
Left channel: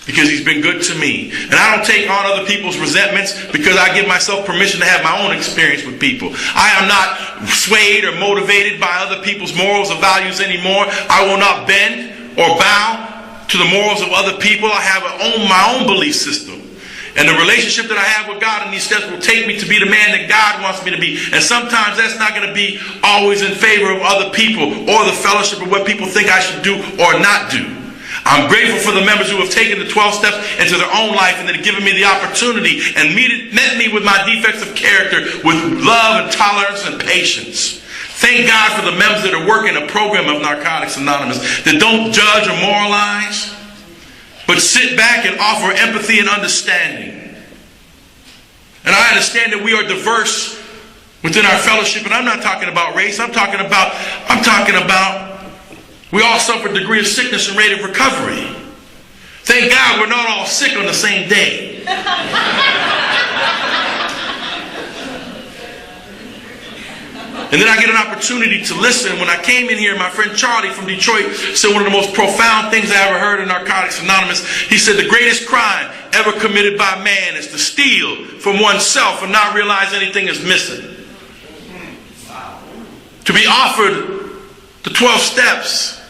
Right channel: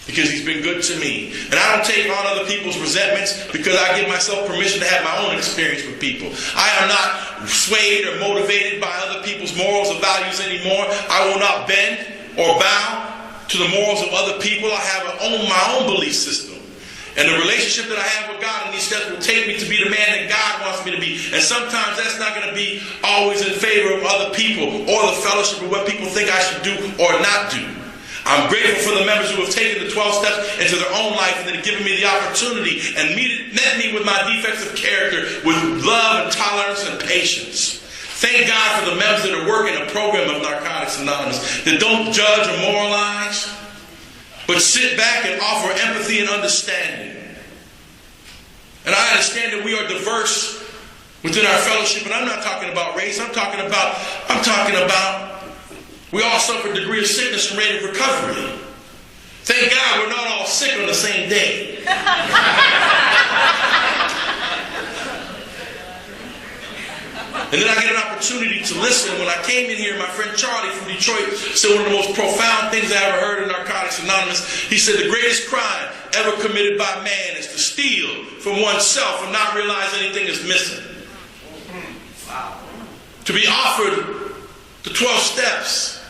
because he's been good to me. And I don't take on other people's resentments because I give myself permission to have my own experience with people. I am not swayed or motivated by other people's morals or values anymore. I will not bend or bow to the morals of other people. I have my own belief system. And the relationship that I have with God in these steps will take me to be the man that God wants me to be. And sometimes that's not going to be always in favor of other people or the fellowship of what people think I should do or not do. I'm grateful for the members who have taken the 12 steps into their own life and that have given me the opportunity and met me with my defects of character with love and tolerance and patience. Thank God for the members that are working a program of Narcotics Anonymous that don't judge or moralize, but sit back and offer empathy and understanding. And I understand that we are diverse within our fellowship, and I'm not talking about race. I'm talking about we all suffer a degree of sickness and rate of recovery. Thank God we're not all sick on the same day. And then I get an opportunity to listen. When I came in here, my friend Charlie from Detroit said one of the most profound things I ever heard in Narcotics Anonymous. He said the greatest crime ever committed by man is to steal from oneself and not realize anything is missing. To be offered the 12 steps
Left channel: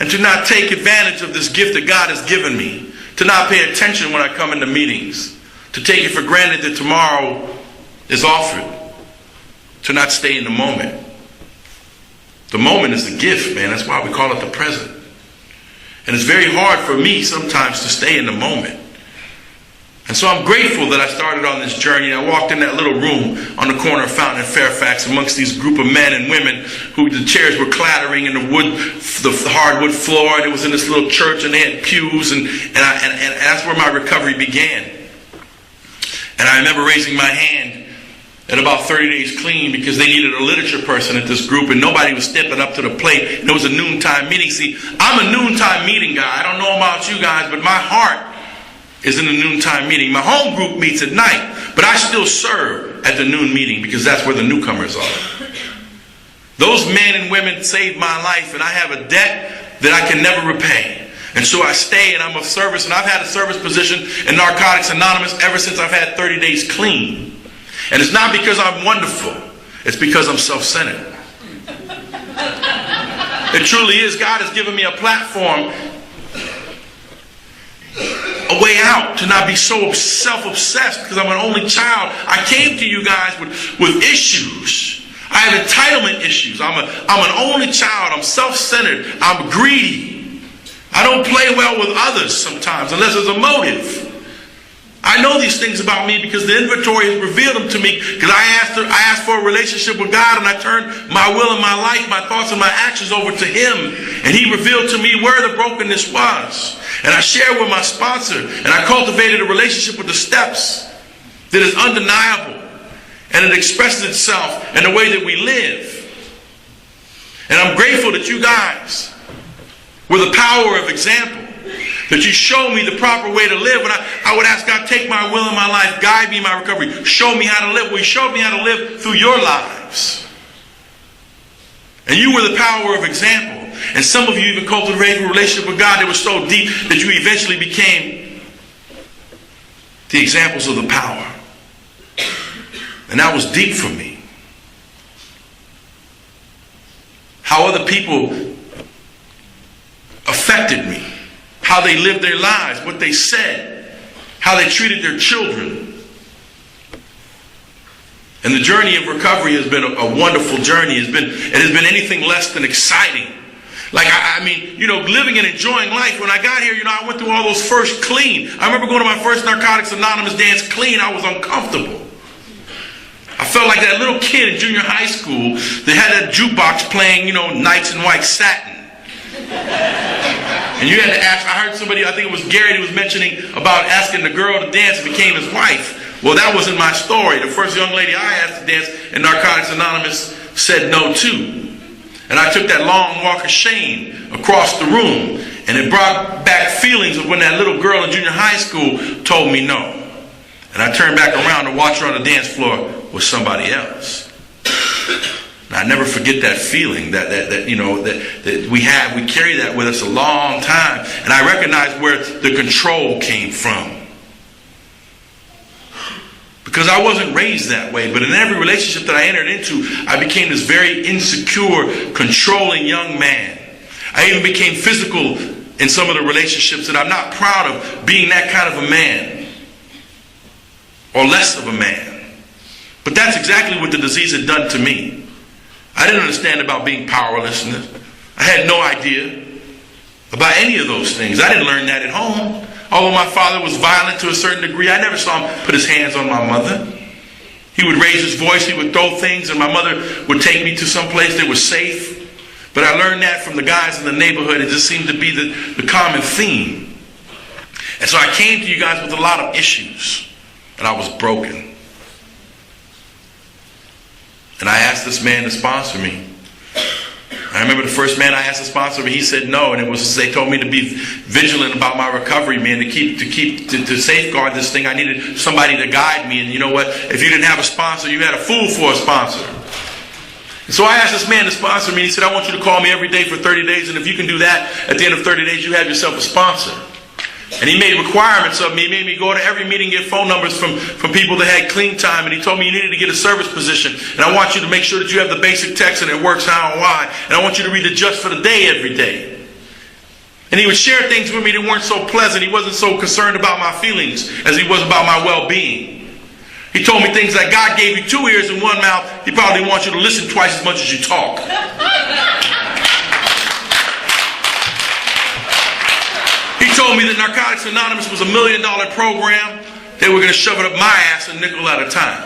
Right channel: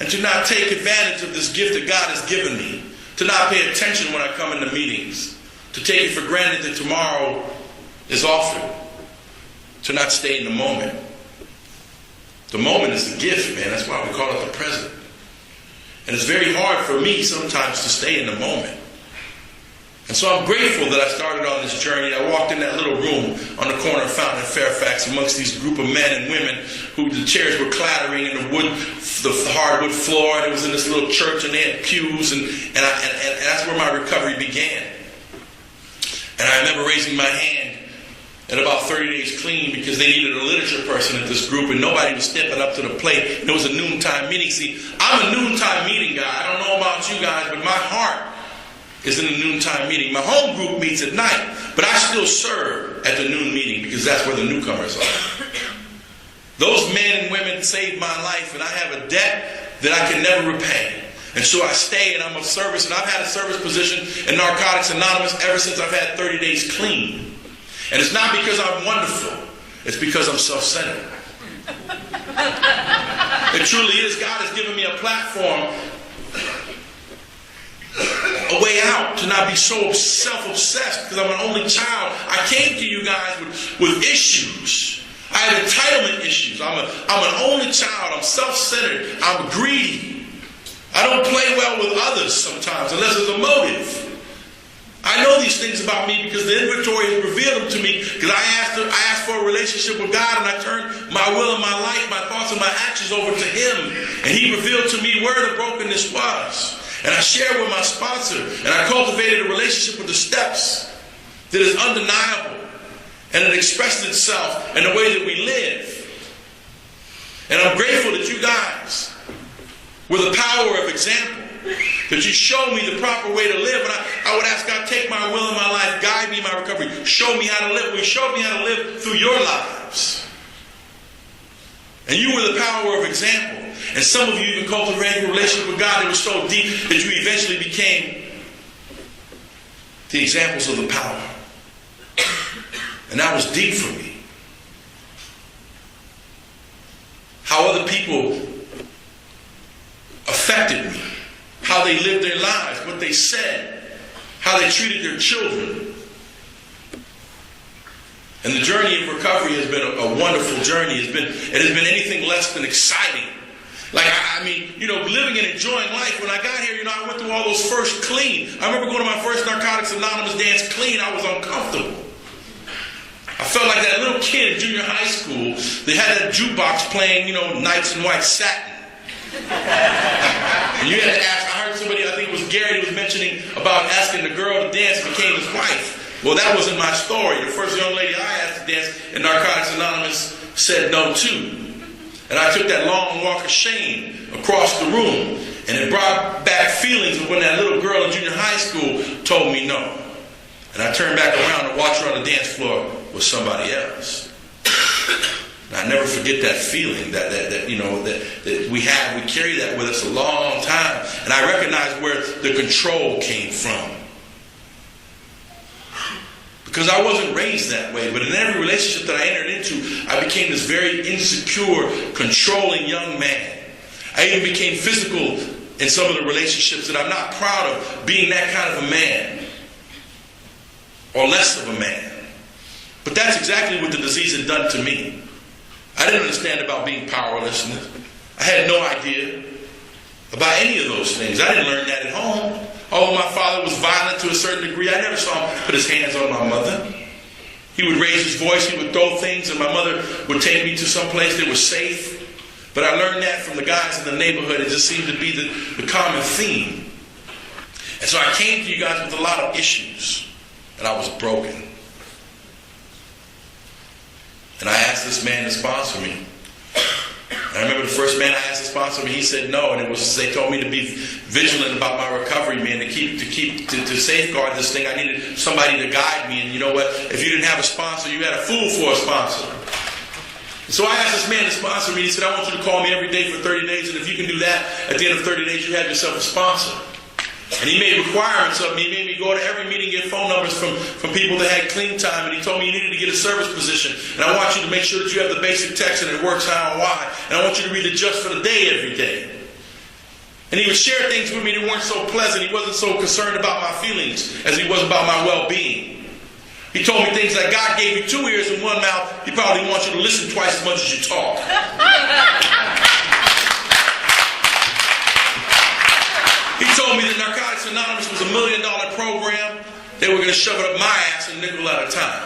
and to not take advantage of this gift that God has given me. To not pay attention when I come into meetings. To take it for granted that tomorrow is offered. To not stay in the moment. The moment is a gift, man. That's why we call it the present. And it's very hard for me sometimes to stay in the moment. And so I'm grateful that I started on this journey. I walked in that little room on the corner of Fountain and Fairfax amongst these group of men and women who the chairs were clattering in the hardwood floor. And it was in this little church and they had pews and that's where my recovery began. And I remember raising my hand at about 30 days clean because they needed a literature person at this group and nobody was stepping up to the plate. And it was a noontime meeting. See, I'm a noontime meeting guy. I don't know about you guys, but my heart is in the noontime meeting. My home group meets at night, but I still serve at the noon meeting because that's where the newcomers are. Those men and women saved my life, and I have a debt that I can never repay. And so I stay, and I'm of service, and I've had a service position in Narcotics Anonymous ever since I've had 30 days clean. And it's not because I'm wonderful. It's because I'm self-centered. It truly is. God has given me a platform, a way out to not be so self-obsessed because I'm an only child. I came to you guys with issues. I have entitlement issues. I'm an only child. I'm self-centered. I'm greedy. I don't play well with others sometimes unless there's a motive. I know these things about me because the inventory has revealed them to me because I asked for a relationship with God and I turned my will and my life, my thoughts and my actions over to Him. And He revealed to me where the brokenness was. And I shared with my sponsor and I cultivated a relationship with the steps that is undeniable. And it expresses itself in the way that we live. And I'm grateful that you guys were the power of example. That you show me the proper way to live. And I would ask God, take my will in my life, guide me in my recovery, show me how to live. Well, you showed me how to live through your lives. And you were the power of example. And some of you even cultivated a relationship with God that was so deep that you eventually became the examples of the power. And that was deep for me. How other people affected me. How they lived their lives, what they said, how they treated their children. And the journey of recovery has been a wonderful journey. It has been anything less than exciting. Like, I mean, living and enjoying life. When I got here, I went through all those first clean. I remember going to my first Narcotics Anonymous dance clean. I was uncomfortable. I felt like that little kid in junior high school that had that jukebox playing, Knights in White Satin. And you had to ask, I heard somebody, I think it was Gary, who was mentioning about asking the girl to dance and became his wife. Well, that wasn't my story. The first young lady I asked to dance in Narcotics Anonymous said no too. And I took that long walk of shame across the room, and it brought back feelings of when that little girl in junior high school told me no. And I turned back around to watch her on the dance floor with somebody else. And I never forget that feeling that we have. We carry that with us a long time. And I recognize where the control came from. Because I wasn't raised that way. But in every relationship that I entered into, I became this very insecure, controlling young man. I even became physical in some of the relationships that I'm not proud of being that kind of a man. Or less of a man. But that's exactly what the disease had done to me. I didn't understand about being powerlessness. I had no idea about any of those things. I didn't learn that at home. Although my father was violent to a certain degree, I never saw him put his hands on my mother. He would raise his voice, he would throw things, and my mother would take me to some place that was safe. But I learned that from the guys in the neighborhood. It just seemed to be the common theme. And so I came to you guys with a lot of issues. And I was broken. And I asked this man to sponsor me. I remember the first man I asked to sponsor me, he said no, and they told me to be vigilant about my recovery, man, to safeguard this thing. I needed somebody to guide me, and you know what? If you didn't have a sponsor, you had a fool for a sponsor. And so I asked this man to sponsor me. He said, I want you to call me every day for 30 days, and if you can do that, at the end of 30 days, you have yourself a sponsor. And he made requirements of me. He made me go to every meeting, get phone numbers from people that had clean time. And he told me you needed to get a service position. And I want you to make sure that you have the basic text and it works how and why. And I want you to read the just for the day every day. And he would share things with me that weren't so pleasant. He wasn't so concerned about my feelings as he was about my well-being. He told me things like, God gave you 2 ears and 1 mouth. He probably wants you to listen twice as much as you talk. He told me that Narcotics Anonymous was $1 million program. They were going to shove it up my ass a nickel at a time.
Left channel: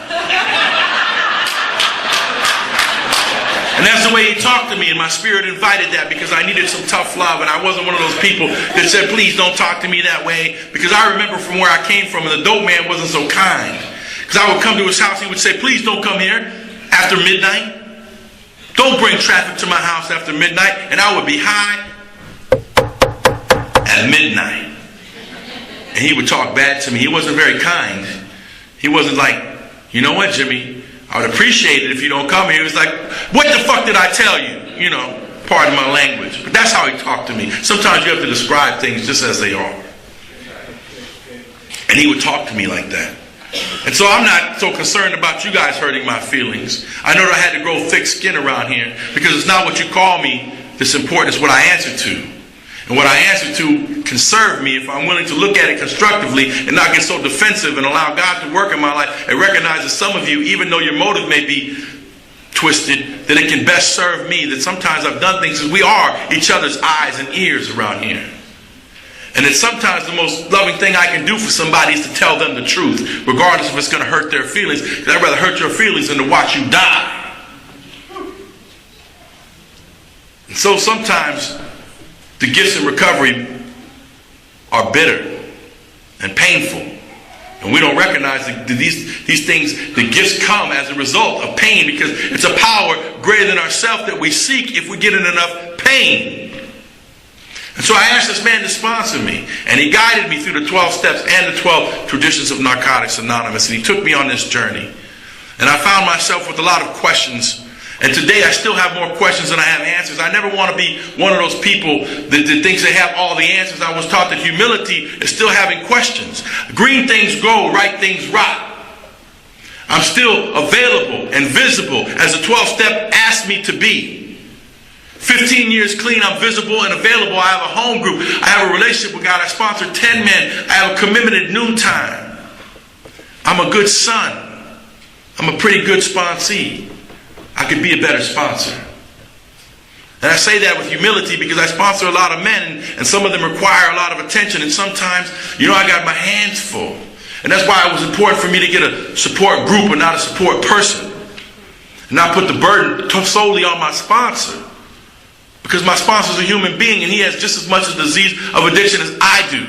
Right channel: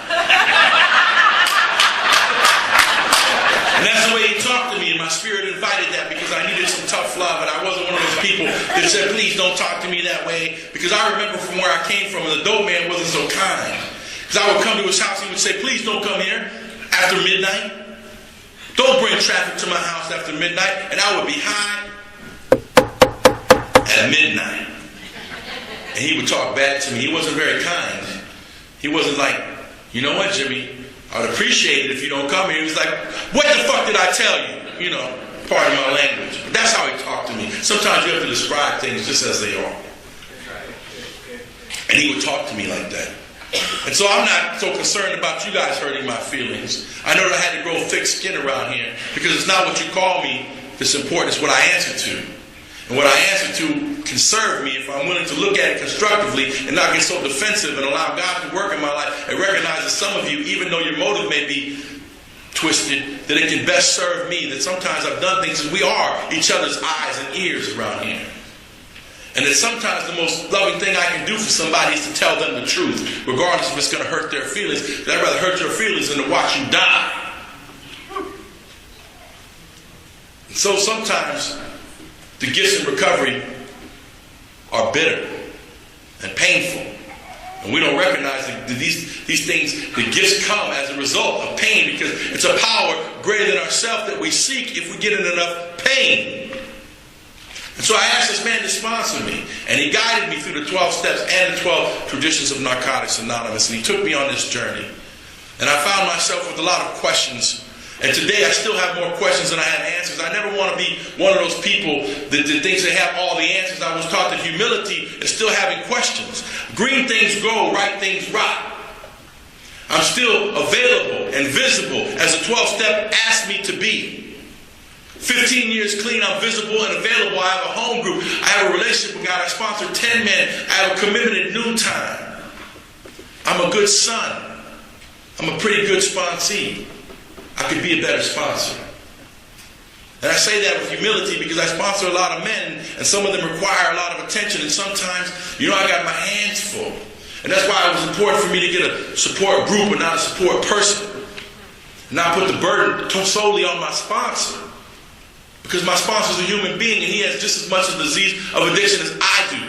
And that's the way he talked to me, and my spirit invited that because I needed some tough love, and I wasn't one of those people that said, please don't talk to me that way, because I remember from where I came from, and the dope man wasn't so kind. Because I would come to his house, he would say, please don't come here after midnight. Don't bring traffic to my house after midnight. And I would be high at midnight. And he would talk bad to me. He wasn't very kind. He wasn't like, you know what, Jimmy, I would appreciate it if you don't come here. He was like, what the fuck did I tell you? Pardon my language. But that's how he talked to me. Sometimes you have to describe things just as they are. And he would talk to me like that. And so I'm not so concerned about you guys hurting my feelings. I know that I had to grow thick skin around here because it's not what you call me that's important. It's what I answer to. And what I answer to can serve me if I'm willing to look at it constructively and not get so defensive and allow God to work in my life and recognize that some of you, even though your motive may be twisted, that it can best serve me, that sometimes I've done things because we are each other's eyes and ears around here. And that sometimes the most loving thing I can do for somebody is to tell them the truth, regardless if it's going to hurt their feelings. And I'd rather hurt your feelings than to watch you die. And so sometimes the gifts in recovery are bitter and painful. And we don't recognize that these things, the gifts come as a result of pain, because it's a power greater than ourselves that we seek if we get in enough pain. And so I asked this man to sponsor me, and he guided me through the 12 steps and the 12 traditions of Narcotics Anonymous, and he took me on this journey. And I found myself with a lot of questions, and today I still have more questions than I have answers. I never want to be one of those people that thinks they have all the answers. I was taught that humility is still having questions. Green things grow, right things rot. I'm still available and visible as the 12 step asked me to be. 15 years clean, I'm visible and available. I have a home group. I have a relationship with God. I sponsor 10 men. I have a commitment at noontime. I'm a good son. I'm a pretty good sponsee. I could be a better sponsor. And I say that with humility because I sponsor a lot of men, and some of them require a lot of attention. And sometimes, I got my hands full. And that's why it was important for me to get a support group and not a support person. And not put the burden solely on my sponsor. Because my sponsor is a human being and he has just as much a disease of addiction as I do.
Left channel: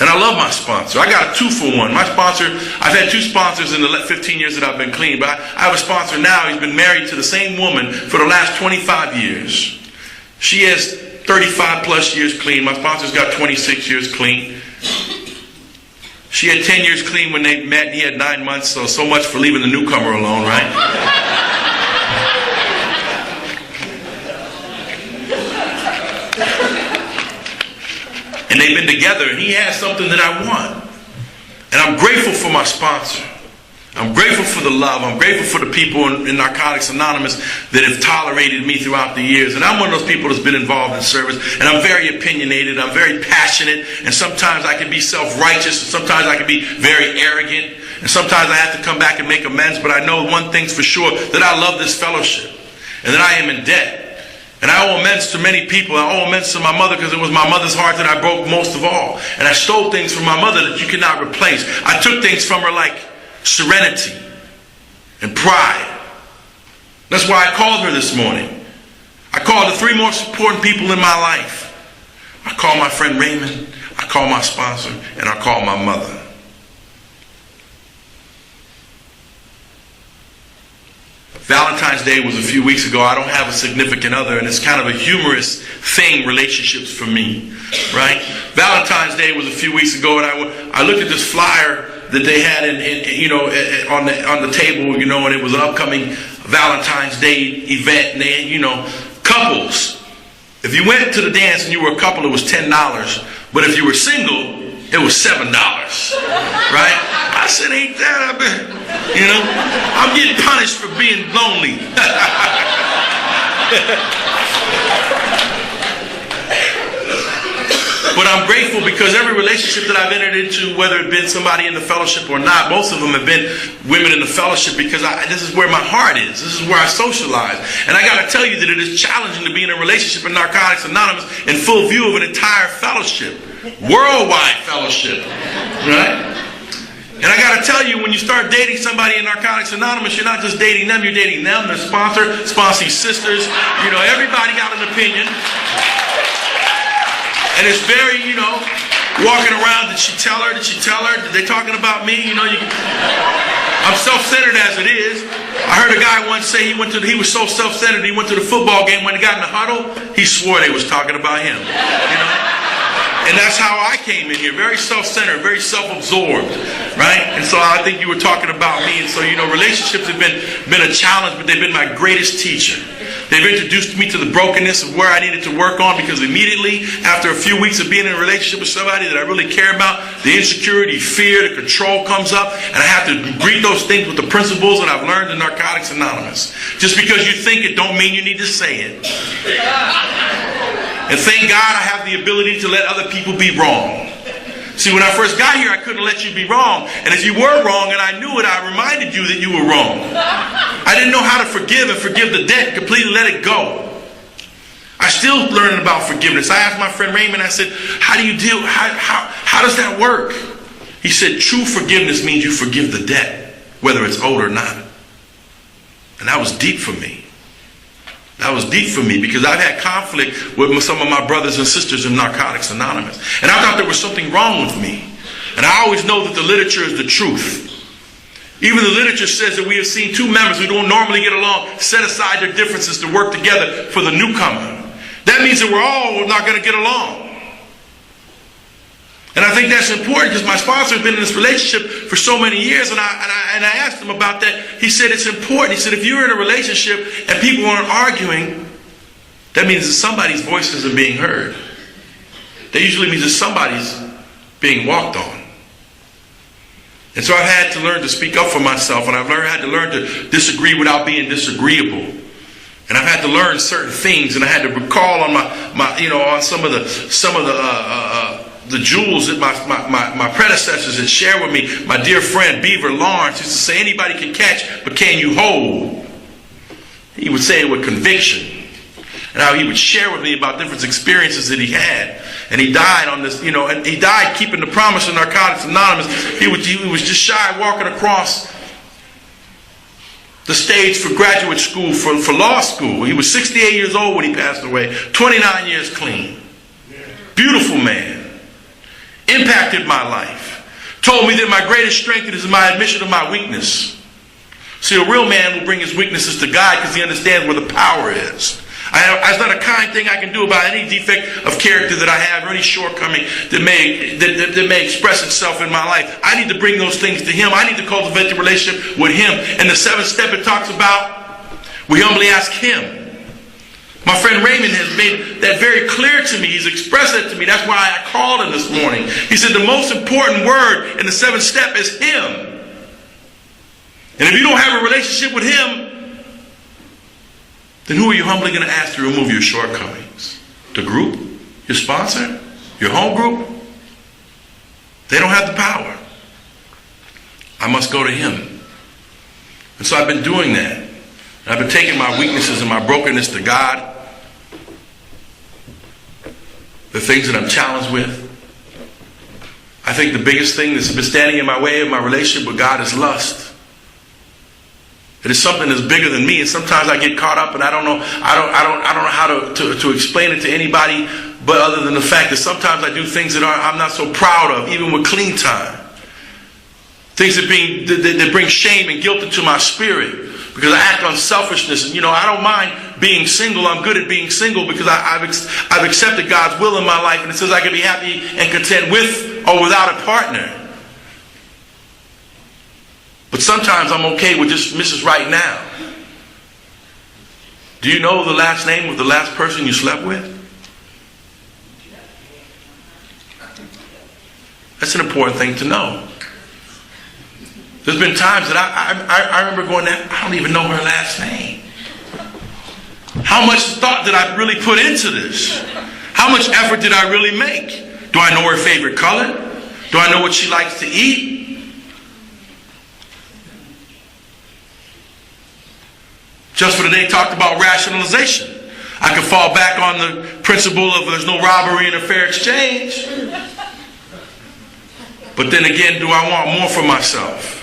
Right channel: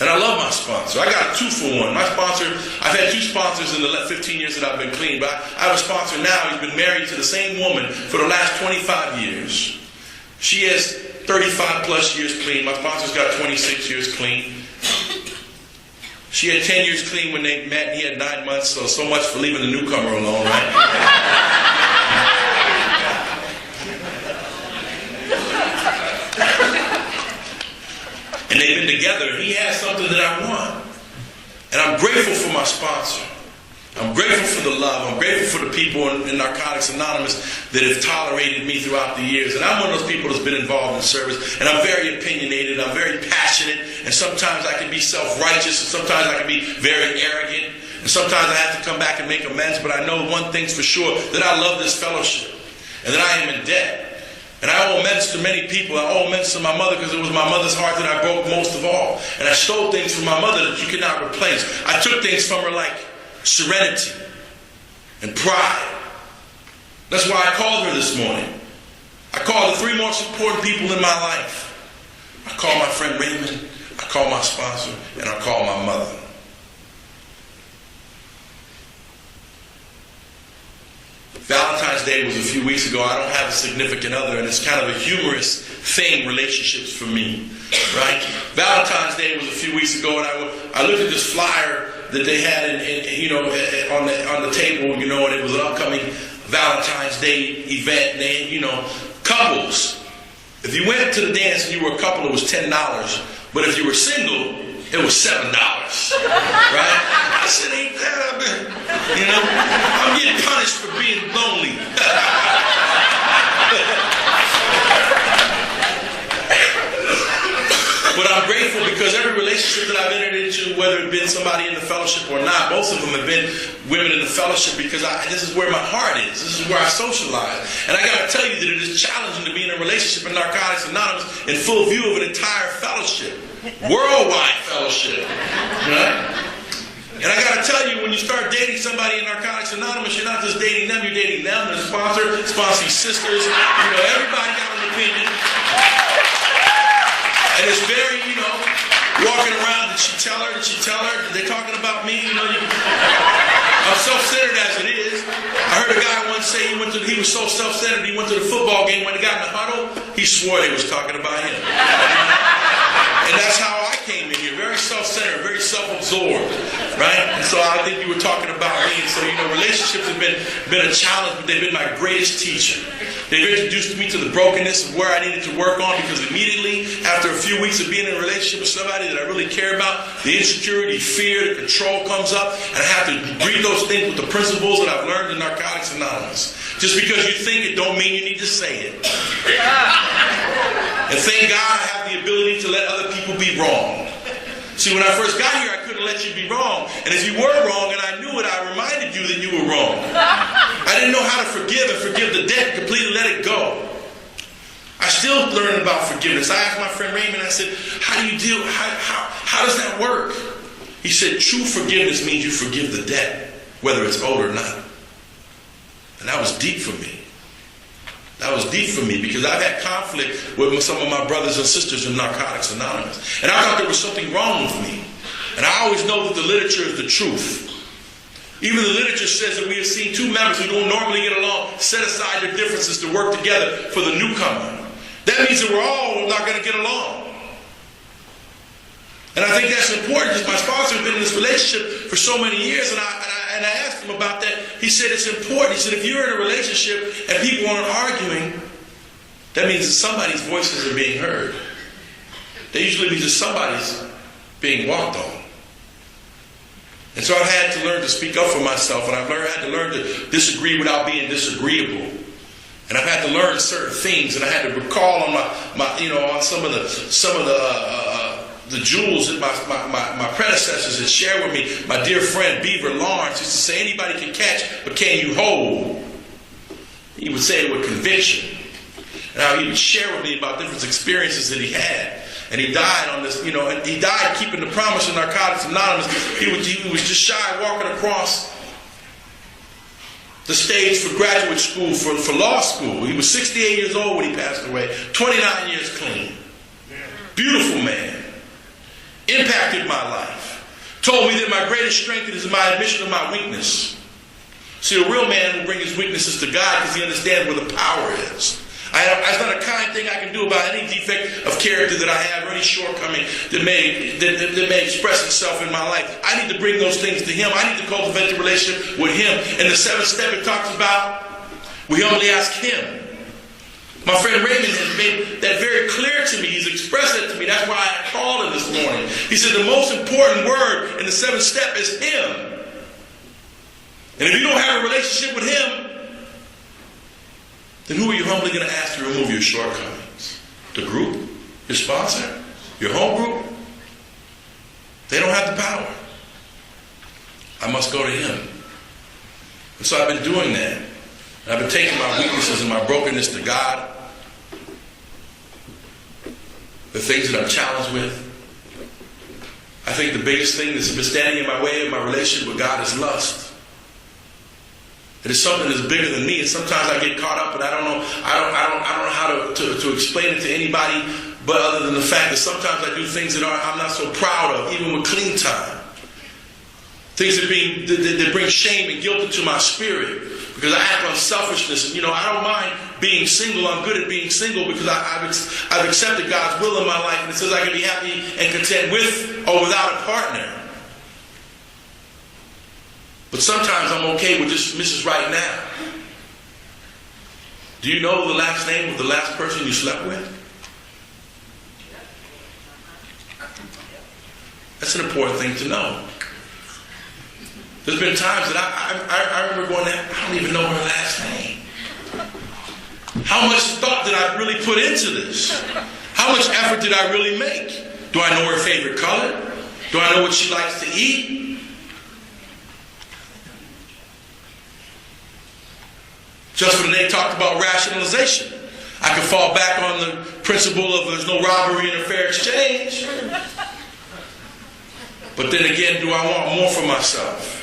And I love my sponsor. I got a 2-for-1. My sponsor, I've had 2 sponsors in the 15 years that I've been clean. But I have a sponsor now. He's been married to the same woman for the last 25 years. She has 35 plus years clean. My sponsor's got 26 years clean. She had 10 years clean when they met. He had 9 months. So much for leaving the newcomer alone, right? And they've been together, and he has something that I want. And I'm grateful for my sponsor. I'm grateful for the love. I'm grateful for the people in Narcotics Anonymous that have tolerated me throughout the years. And I'm one of those people that's been involved in service. And I'm very opinionated. I'm very passionate. And sometimes I can be self-righteous. And sometimes I can be very arrogant. And sometimes I have to come back and make amends. But I know one thing's for sure, that I love this fellowship. And that I am in debt. And I owe amends to many people. I owe amends to my mother because it was my mother's heart that I broke most of all. And I stole things from my mother that you cannot replace. I took things from her like serenity and pride. That's why I called her this morning. I called the 3 most important people in my life. I called my friend Raymond, I called my sponsor, and I called my mother. Valentine's Day was a few weeks ago. I don't have a significant other, and it's kind of a humorous thing, relationships for me, right? Valentine's Day was a few weeks ago, and I looked at this flyer that they had on the table, and it was an upcoming Valentine's Day event, and they had, couples. If you went to the dance and you were a couple, it was $10, but if you were single, it was $7, right? I said, ain't that, I'm getting punished for being lonely. But I'm grateful because every relationship that I've entered into, whether it's been somebody in the fellowship or not, most of them have been women in the fellowship because this is where my heart is. This is where I socialize. And I got to tell you that it is challenging to be in a relationship in Narcotics Anonymous in full view of an entire fellowship. Worldwide fellowship. Right? And I got to tell you, when you start dating somebody in Narcotics Anonymous, you're not just dating them, you're dating them, the sponsor, sponsee sisters. Everybody got an opinion. And it's very, walking around, did she tell her? Did she tell her? Did they talking about me? I'm self-centered as it is. I heard a guy once say he was so self-centered, he went to the football game, when he got in the huddle, he swore they was talking about him. And that's how I came in here, very self-centered, very self-absorbed, right? And so I think you were talking about me. And so, relationships have been a challenge, but they've been my greatest teacher. They've introduced me to the brokenness of where I needed to work on, because immediately after a few weeks of being in a relationship with somebody that I really care about, the insecurity, fear, the control comes up, and I have to greet those things with the principles that I've learned in Narcotics Anonymous. Just because you think it don't mean you need to say it. And thank God I have the ability to let other people be wrong. See, when I first got here, I couldn't let you be wrong. And if you were wrong and I knew it, I reminded you that you were wrong. I didn't know how to forgive and forgive the debt, completely let it go. I still learning about forgiveness. I asked my friend Raymond, I said, how do you deal, how does that work? He said, true forgiveness means you forgive the debt, whether it's owed or not. And that was deep for me. That was deep for me because I've had conflict with some of my brothers and sisters in Narcotics Anonymous. And I thought there was something wrong with me. And I always know that the literature is the truth. Even the literature says that we have seen 2 members who don't normally get along set aside their differences to work together for the newcomer. That means that we're all not going to get along. And I think that's important because my sponsor has been in this relationship for so many years, and I asked him about that. He said it's important. He said if you're in a relationship and people aren't arguing, that means that somebody's voices are being heard. That usually means that somebody's being walked on. And so I've had to learn to speak up for myself, and I've had to learn to disagree without being disagreeable. And I've had to learn certain things, and I had to recall on on some of the jewels that my predecessors had shared with me. My dear friend Beaver Lawrence used to say, anybody can catch, but can you hold? He would say it with conviction. And how he would share with me about different experiences that he had. And he died on this, and he died keeping the promise of Narcotics Anonymous. He was just shy walking across the stage for graduate school, for law school. He was 68 years old when he passed away. 29 years clean. Beautiful man. Impacted my life. Told me that my greatest strength is my admission of my weakness. See, a real man will bring his weaknesses to God because he understands where the power is. There's not a kind thing I can do about any defect of character that I have or any shortcoming that may express itself in my life. I need to bring those things to him. I need to cultivate the relationship with him. And the seventh step it talks about, we humbly ask him. My friend Raymond has made that very clear to me. He's expressed it to me. That's why I called him this morning. He said the most important word in the seventh step is him. And if you don't have a relationship with him, then who are you humbly going to ask to remove your shortcomings? The group? Your sponsor? Your home group? They don't have the power. I must go to him. And so I've been doing that. I've been taking my weaknesses and my brokenness to God. The things that I'm challenged with. I think the biggest thing that's been standing in my way of my relationship with God is lust. It is something that's bigger than me, and sometimes I get caught up, and I don't know how to explain it to anybody, but other than the fact that sometimes I do things that I'm not so proud of, even with clean time. Things that bring shame and guilt into my spirit because I act on selfishness. And I don't mind being single. I'm good at being single because I've accepted God's will in my life, and it says I can be happy and content with or without a partner. But sometimes I'm okay with just Mrs. Right Now. Do you know the last name of the last person you slept with? That's an important thing to know. There's been times that I remember going there, I don't even know her last name. How much thought did I really put into this? How much effort did I really make? Do I know her favorite color? Do I know what she likes to eat? Just for today, talked about rationalization. I could fall back on the principle of there's no robbery and a fair exchange. But then again, do I want more for myself?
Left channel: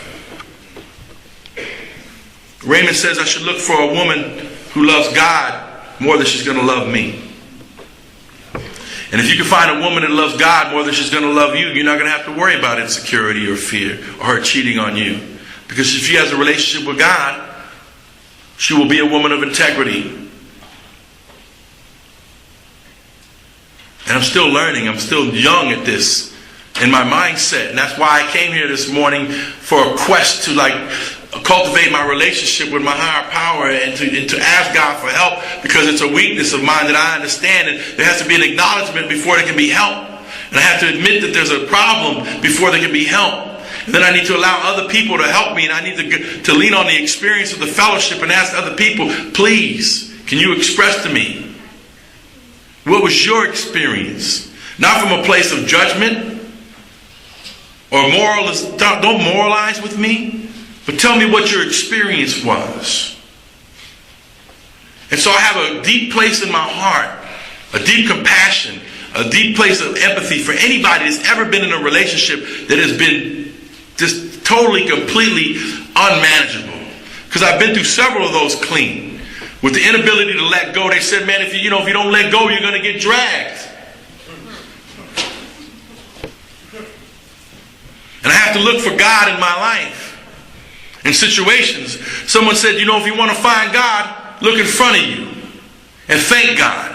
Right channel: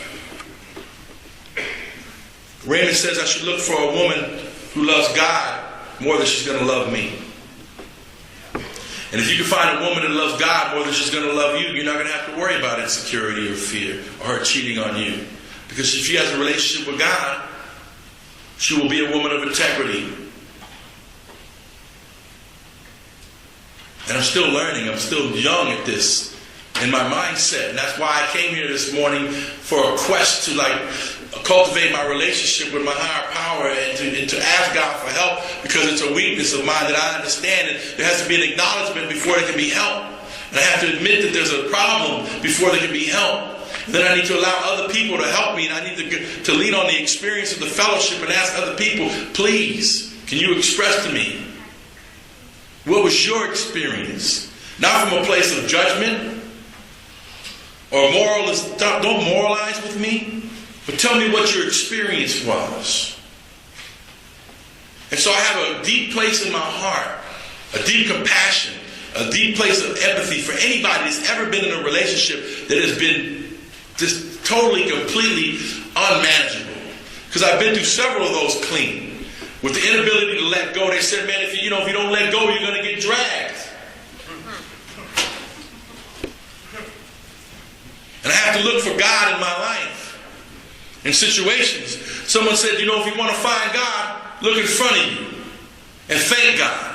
Raymond says I should look for a woman who loves God more than she's going to love me. And if you can find a woman that loves God more than she's going to love you, you're not going to have to worry about insecurity or fear or her cheating on you. Because if she has a relationship with God, she will be a woman of integrity. And I'm still learning. I'm still young at this in my mindset. And that's why I came here this morning for a quest to cultivate my relationship with my higher power and to ask God for help, because it's a weakness of mine that I understand. And there has to be an acknowledgement before there can be help. And I have to admit that there's a problem before there can be help. And then I need to allow other people to help me, and I need to lean on the experience of the fellowship and ask other people, please, can you express to me what was your experience? Not from a place of judgment or don't moralize with me, but tell me what your experience was. And so I have a deep place in my heart, a deep compassion, a deep place of empathy for anybody that's ever been in a relationship that has been just totally, completely unmanageable. Because I've been through several of those clean. With the inability to let go, they said, man, if you don't let go, you're going to get dragged. And I have to look for God in my life. In situations, someone said, if you want to find God, look in front of you and thank God.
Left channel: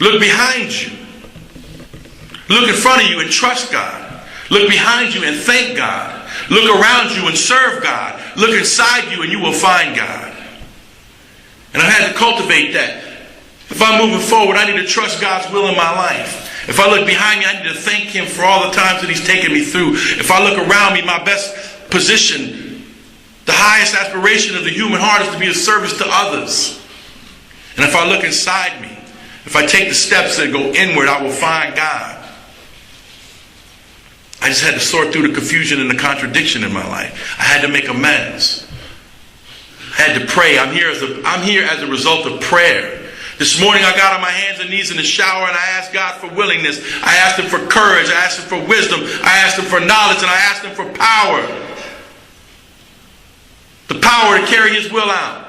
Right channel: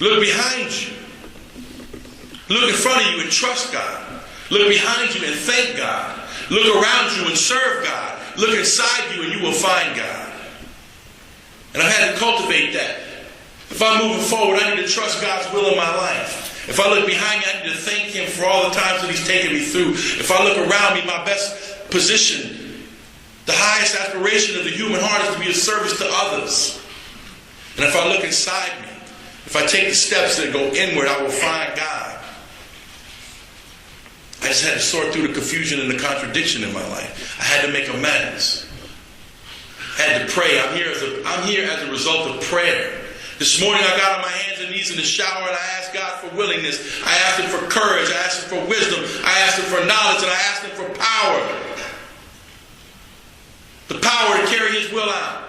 Look behind you. Look in front of you and trust God. Look behind you and thank God. Look around you and serve God. Look inside you and you will find God. And I had to cultivate that. If I'm moving forward, I need to trust God's will in my life. If I look behind me, I need to thank him for all the times that he's taken me through. If I look around me, my best position, the highest aspiration of the human heart is to be of service to others. And if I look inside me, if I take the steps that go inward, I will find God. I just had to sort through the confusion and the contradiction in my life. I had to make amends. I had to pray. I'm here as a result of prayer. This morning I got on my hands and knees in the shower and I asked God for willingness. I asked him for courage. I asked him for wisdom. I asked him for knowledge, and I asked him for power. The power to carry his will out.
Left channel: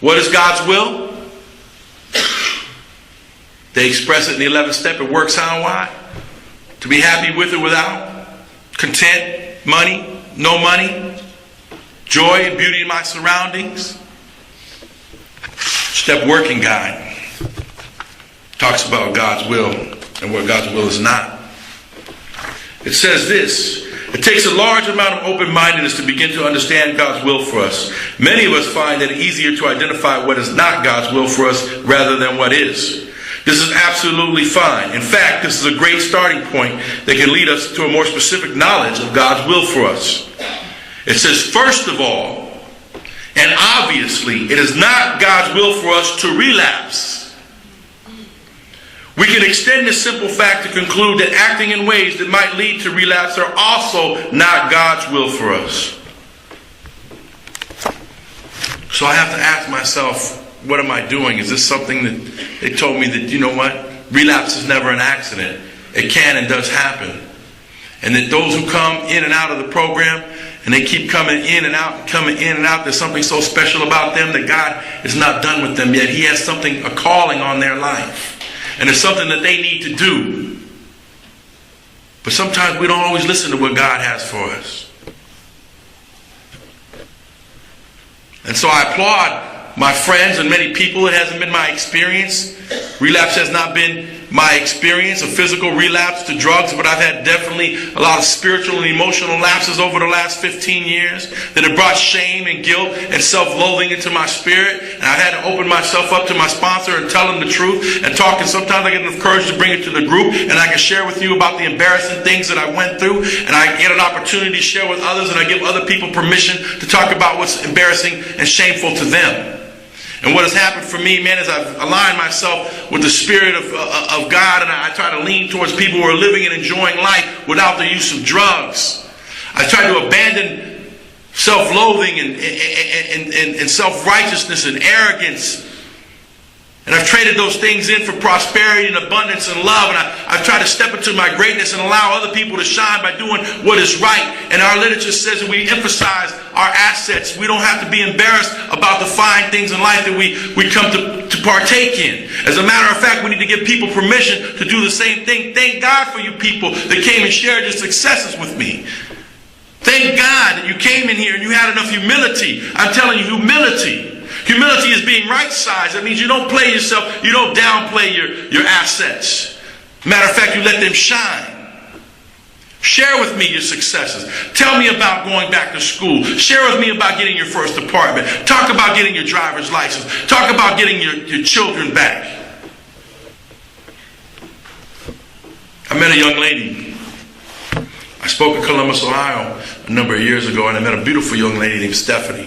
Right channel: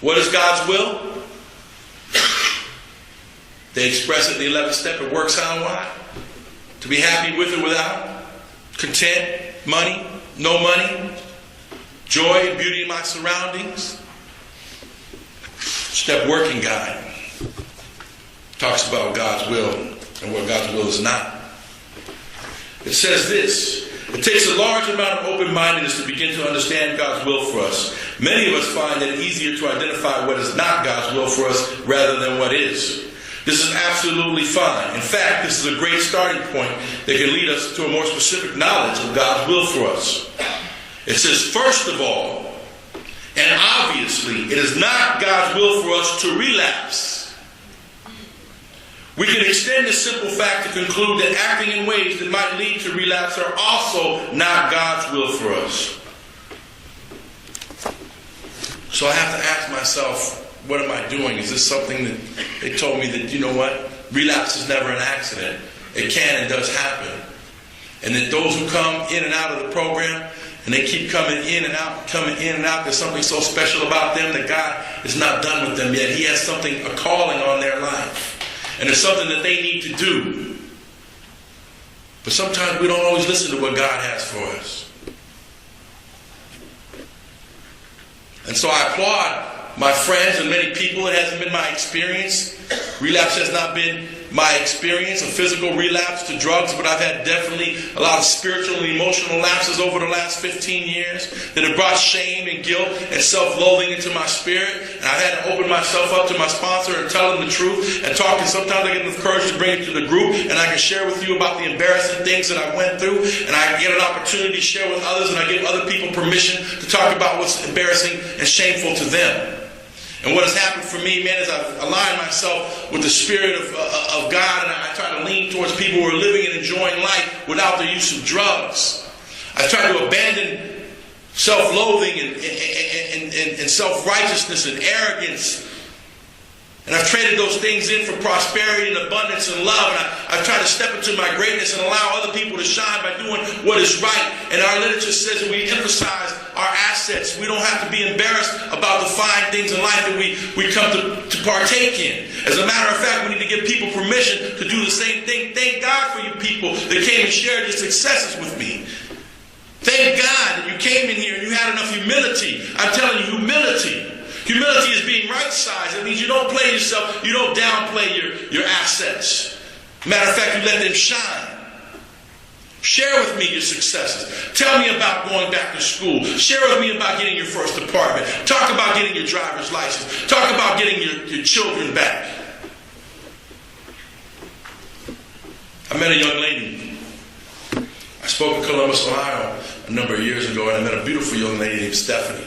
What is God's will? They express it in the 11th step. It works how and why? To be happy with or without. Content, money, no money. Joy, beauty in my surroundings. Step working guide talks about God's will and what God's will is not. It says this: it takes a large amount of open-mindedness to begin to understand God's will for us. Many of us find it easier to identify what is not God's will for us rather than what is. This is absolutely fine. In fact, this is a great starting point that can lead us to a more specific knowledge of God's will for us. It says, first of all, and obviously, it is not God's will for us to relapse. We can extend this simple fact to conclude that acting in ways that might lead to relapse are also not God's will for us. So I have to ask myself, what am I doing? Is this something that they told me that, you know what? Relapse is never an accident. It can and does happen. And that those who come in and out of the program, and they keep coming in and out, there's something so special about them that God is not done with them yet. He has something, a calling on their life. And it's something that they need to do. But sometimes we don't always listen to what God has for us. And so I applaud my friends and many people. It hasn't been my experience. Relapse has not been my experience, a physical relapse to drugs, but I've had definitely a lot of spiritual and emotional lapses over the last 15 years that have brought shame and guilt and self-loathing into my spirit. And I've had to open myself up to my sponsor and tell him the truth and talk. And sometimes I get enough courage to bring it to the group, and I can share with you about the embarrassing things that I went through. And I get an opportunity to share with others, and I give other people permission to talk about what's embarrassing and shameful to them. And what has happened for me, man, is I've aligned myself with the Spirit of God, and I try to lean towards people who are living and enjoying life without the use of drugs. I try to abandon self-loathing and self-righteousness and arrogance. And I've traded those things in for prosperity and abundance and love. And I've tried to step into my greatness and allow other people to shine by doing what is right. And our literature says that we emphasize our assets. We don't have to be embarrassed about the fine things in life that we come to partake in. As a matter of fact, we need to give people permission to do the same thing. Thank God for you people that came and shared your successes with me. Thank God that you came in here and you had enough humility. I'm telling you, humility. Humility is being right-sized. That means you don't play yourself. You don't downplay your assets. Matter of fact, you let them shine. Share with me your successes. Tell me about going back to school. Share with me about getting your first apartment. Talk about getting your driver's license. Talk about getting your children back. I met a young lady. I spoke in Columbus, Ohio a number of years ago, and I met a beautiful young lady named Stephanie.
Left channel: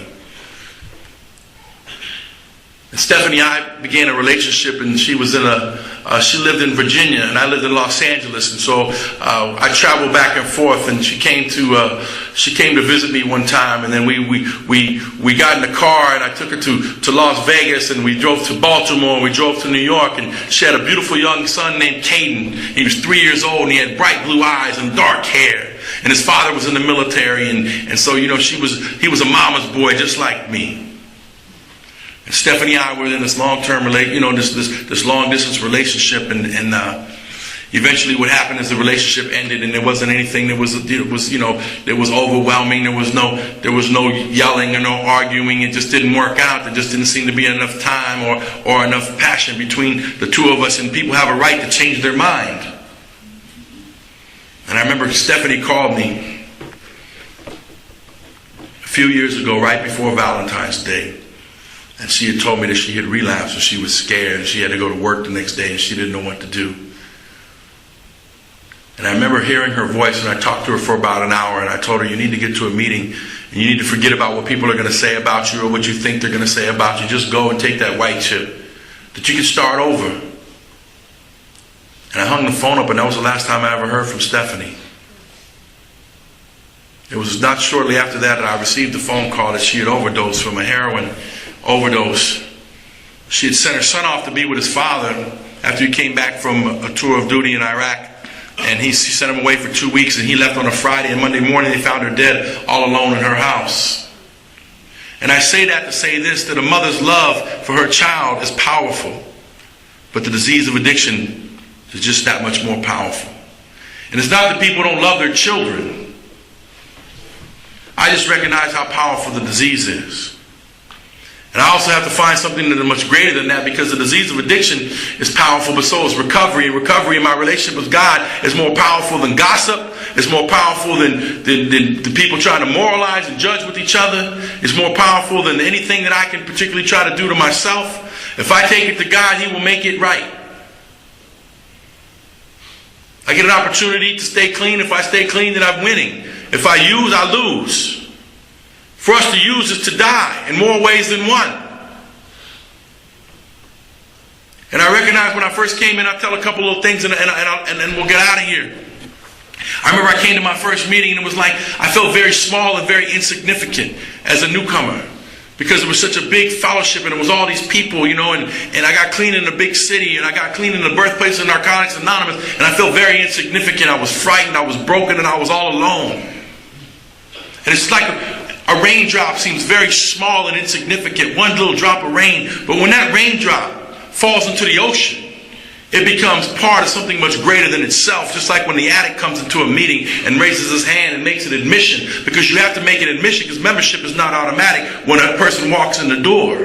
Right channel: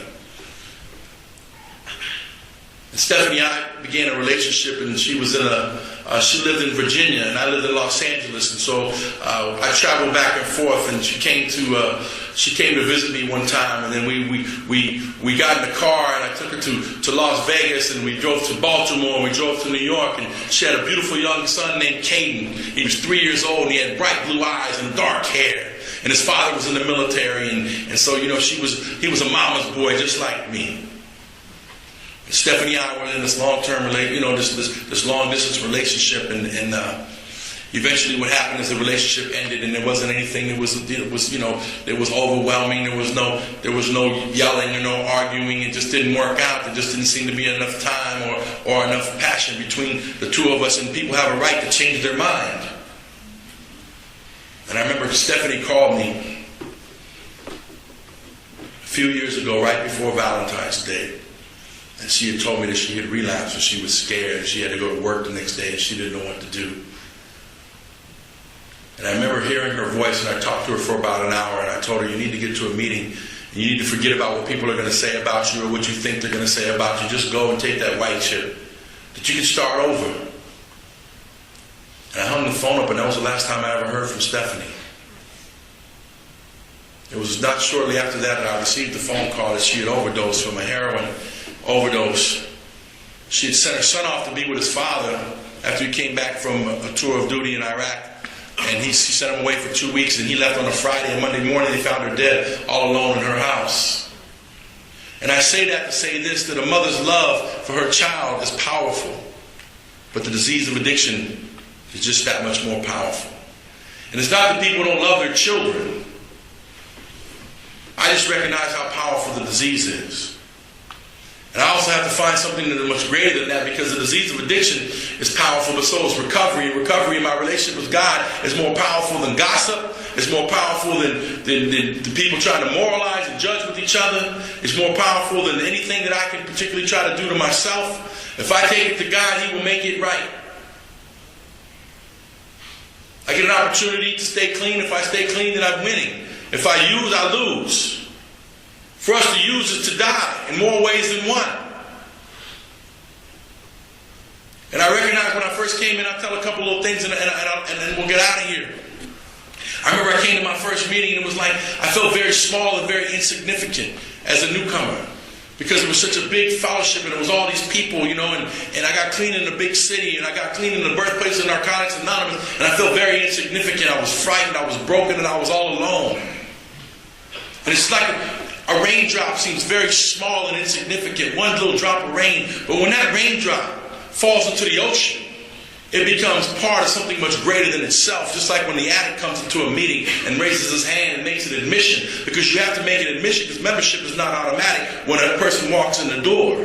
And Stephanie and I began a relationship, and she was she lived in Virginia, and I lived in Los Angeles, and so I traveled back and forth. And she came to visit me one time, and then we got in the car, and I took her to Las Vegas, and we drove to Baltimore, and we drove to New York, and she had a beautiful young son named Caden. He was 3 years old, and he had bright blue eyes and dark hair, and his father was in the military, and so he was a mama's boy just like me. Stephanie and I were in this long-term, this long-distance relationship, and eventually what happened is the relationship ended, and there wasn't anything. There was overwhelming. There was no yelling or no arguing. It just didn't work out. There just didn't seem to be enough time or enough passion between the two of us. And people have a right to change their mind. And I remember Stephanie called me a few years ago, right before Valentine's Day. And she had told me that she had relapsed, and she was scared, and she had to go to work the next day, and she didn't know what to do. And I remember hearing her voice, and I talked to her for about an hour, and I told her, you need to get to a meeting, and you need to forget about what people are going to say about you or what you think they're going to say about you. Just go and take that white chip, that you can start over. And I hung the phone up, and that was the last time I ever heard from Stephanie. It was not shortly after that I received the phone call that she had overdosed from a heroin overdose. She had sent her son off to be with his father after he came back from a tour of duty in Iraq. And she sent him away for 2 weeks, and he left on a Friday, and Monday morning they found her dead all alone in her house. And I say that to say this, that a mother's love for her child is powerful, but the disease of addiction is just that much more powerful. And it's not that people don't love their children. I just recognize how powerful the disease is. And I also have to find something that is much greater than that, because the disease of addiction is powerful, but so is recovery. And recovery in my relationship with God is more powerful than gossip. It's more powerful than the people trying to moralize and judge with each other. It's more powerful than anything that I can particularly try to do to myself. If I take it to God, He will make it right. I get an opportunity to stay clean. If I stay clean, then I'm winning. If I use, I lose. For us to use is to die in more ways than one. And I recognize when I first came in, I'll tell a couple of things and then we'll get out of here. I remember I came to my first meeting and it was like I felt very small and very insignificant as a newcomer, because it was such a big fellowship and it was all these people, and I got clean in a big city, and I got clean in the birthplace of Narcotics Anonymous, and I felt very insignificant. I was frightened, I was broken, and I was all alone. And it's like a raindrop seems very small and insignificant, one little drop of rain. But when that raindrop falls into the ocean, it becomes part of something much greater than itself. Just like when the addict comes into a meeting and raises his hand and makes an admission, because you have to make an admission, because membership is not automatic when a person walks in the door.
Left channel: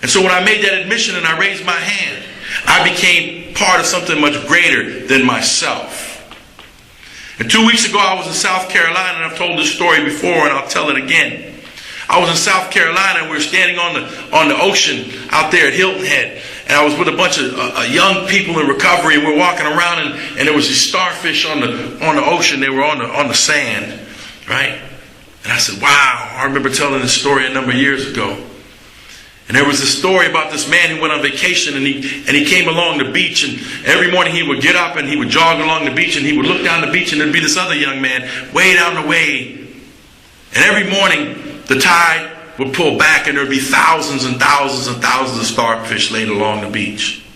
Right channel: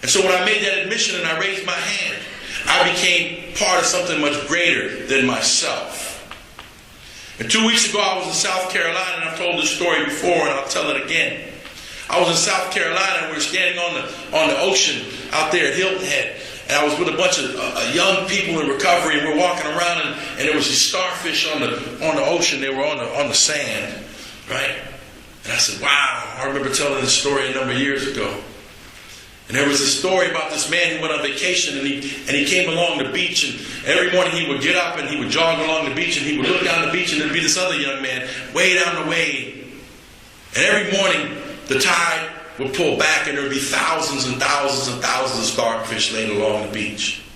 And so when I made that admission and I raised my hand, I became part of something much greater than myself. And 2 weeks ago, I was in South Carolina, and I've told this story before, and I'll tell it again. I was in South Carolina, and we were standing on the ocean out there at Hilton Head, and I was with a bunch of young people in recovery, and we're walking around, and there was these starfish on the ocean. They were on the sand, right? And I said, wow, I remember telling this story a number of years ago. And there was a story about this man who went on vacation, and he came along the beach, and every morning he would get up and he would jog along the beach, and he would look down the beach, and there'd be this other young man way down the way. And every morning the tide would pull back, and there'd be thousands and thousands and thousands of starfish laid along the beach.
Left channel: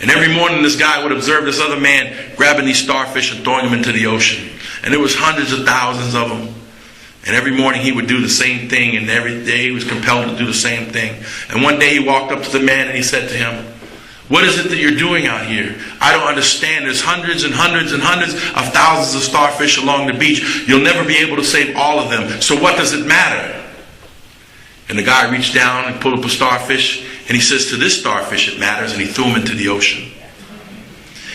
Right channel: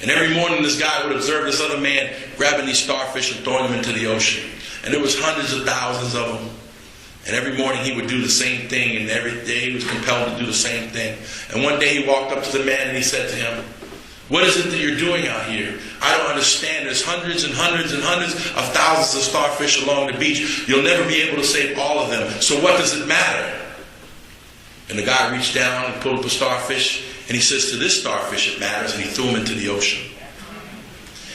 And every morning this guy would observe this other man grabbing these starfish and throwing them into the ocean. And there was hundreds of thousands of them. And every morning he would do the same thing, and every day he was compelled to do the same thing. And one day he walked up to the man and he said to him, what is it that you're doing out here? I don't understand. There's hundreds and hundreds and hundreds of thousands of starfish along the beach. You'll never be able to save all of them. So what does it matter? And the guy reached down and pulled up a starfish, and he says, to this starfish it matters, and he threw him into the ocean.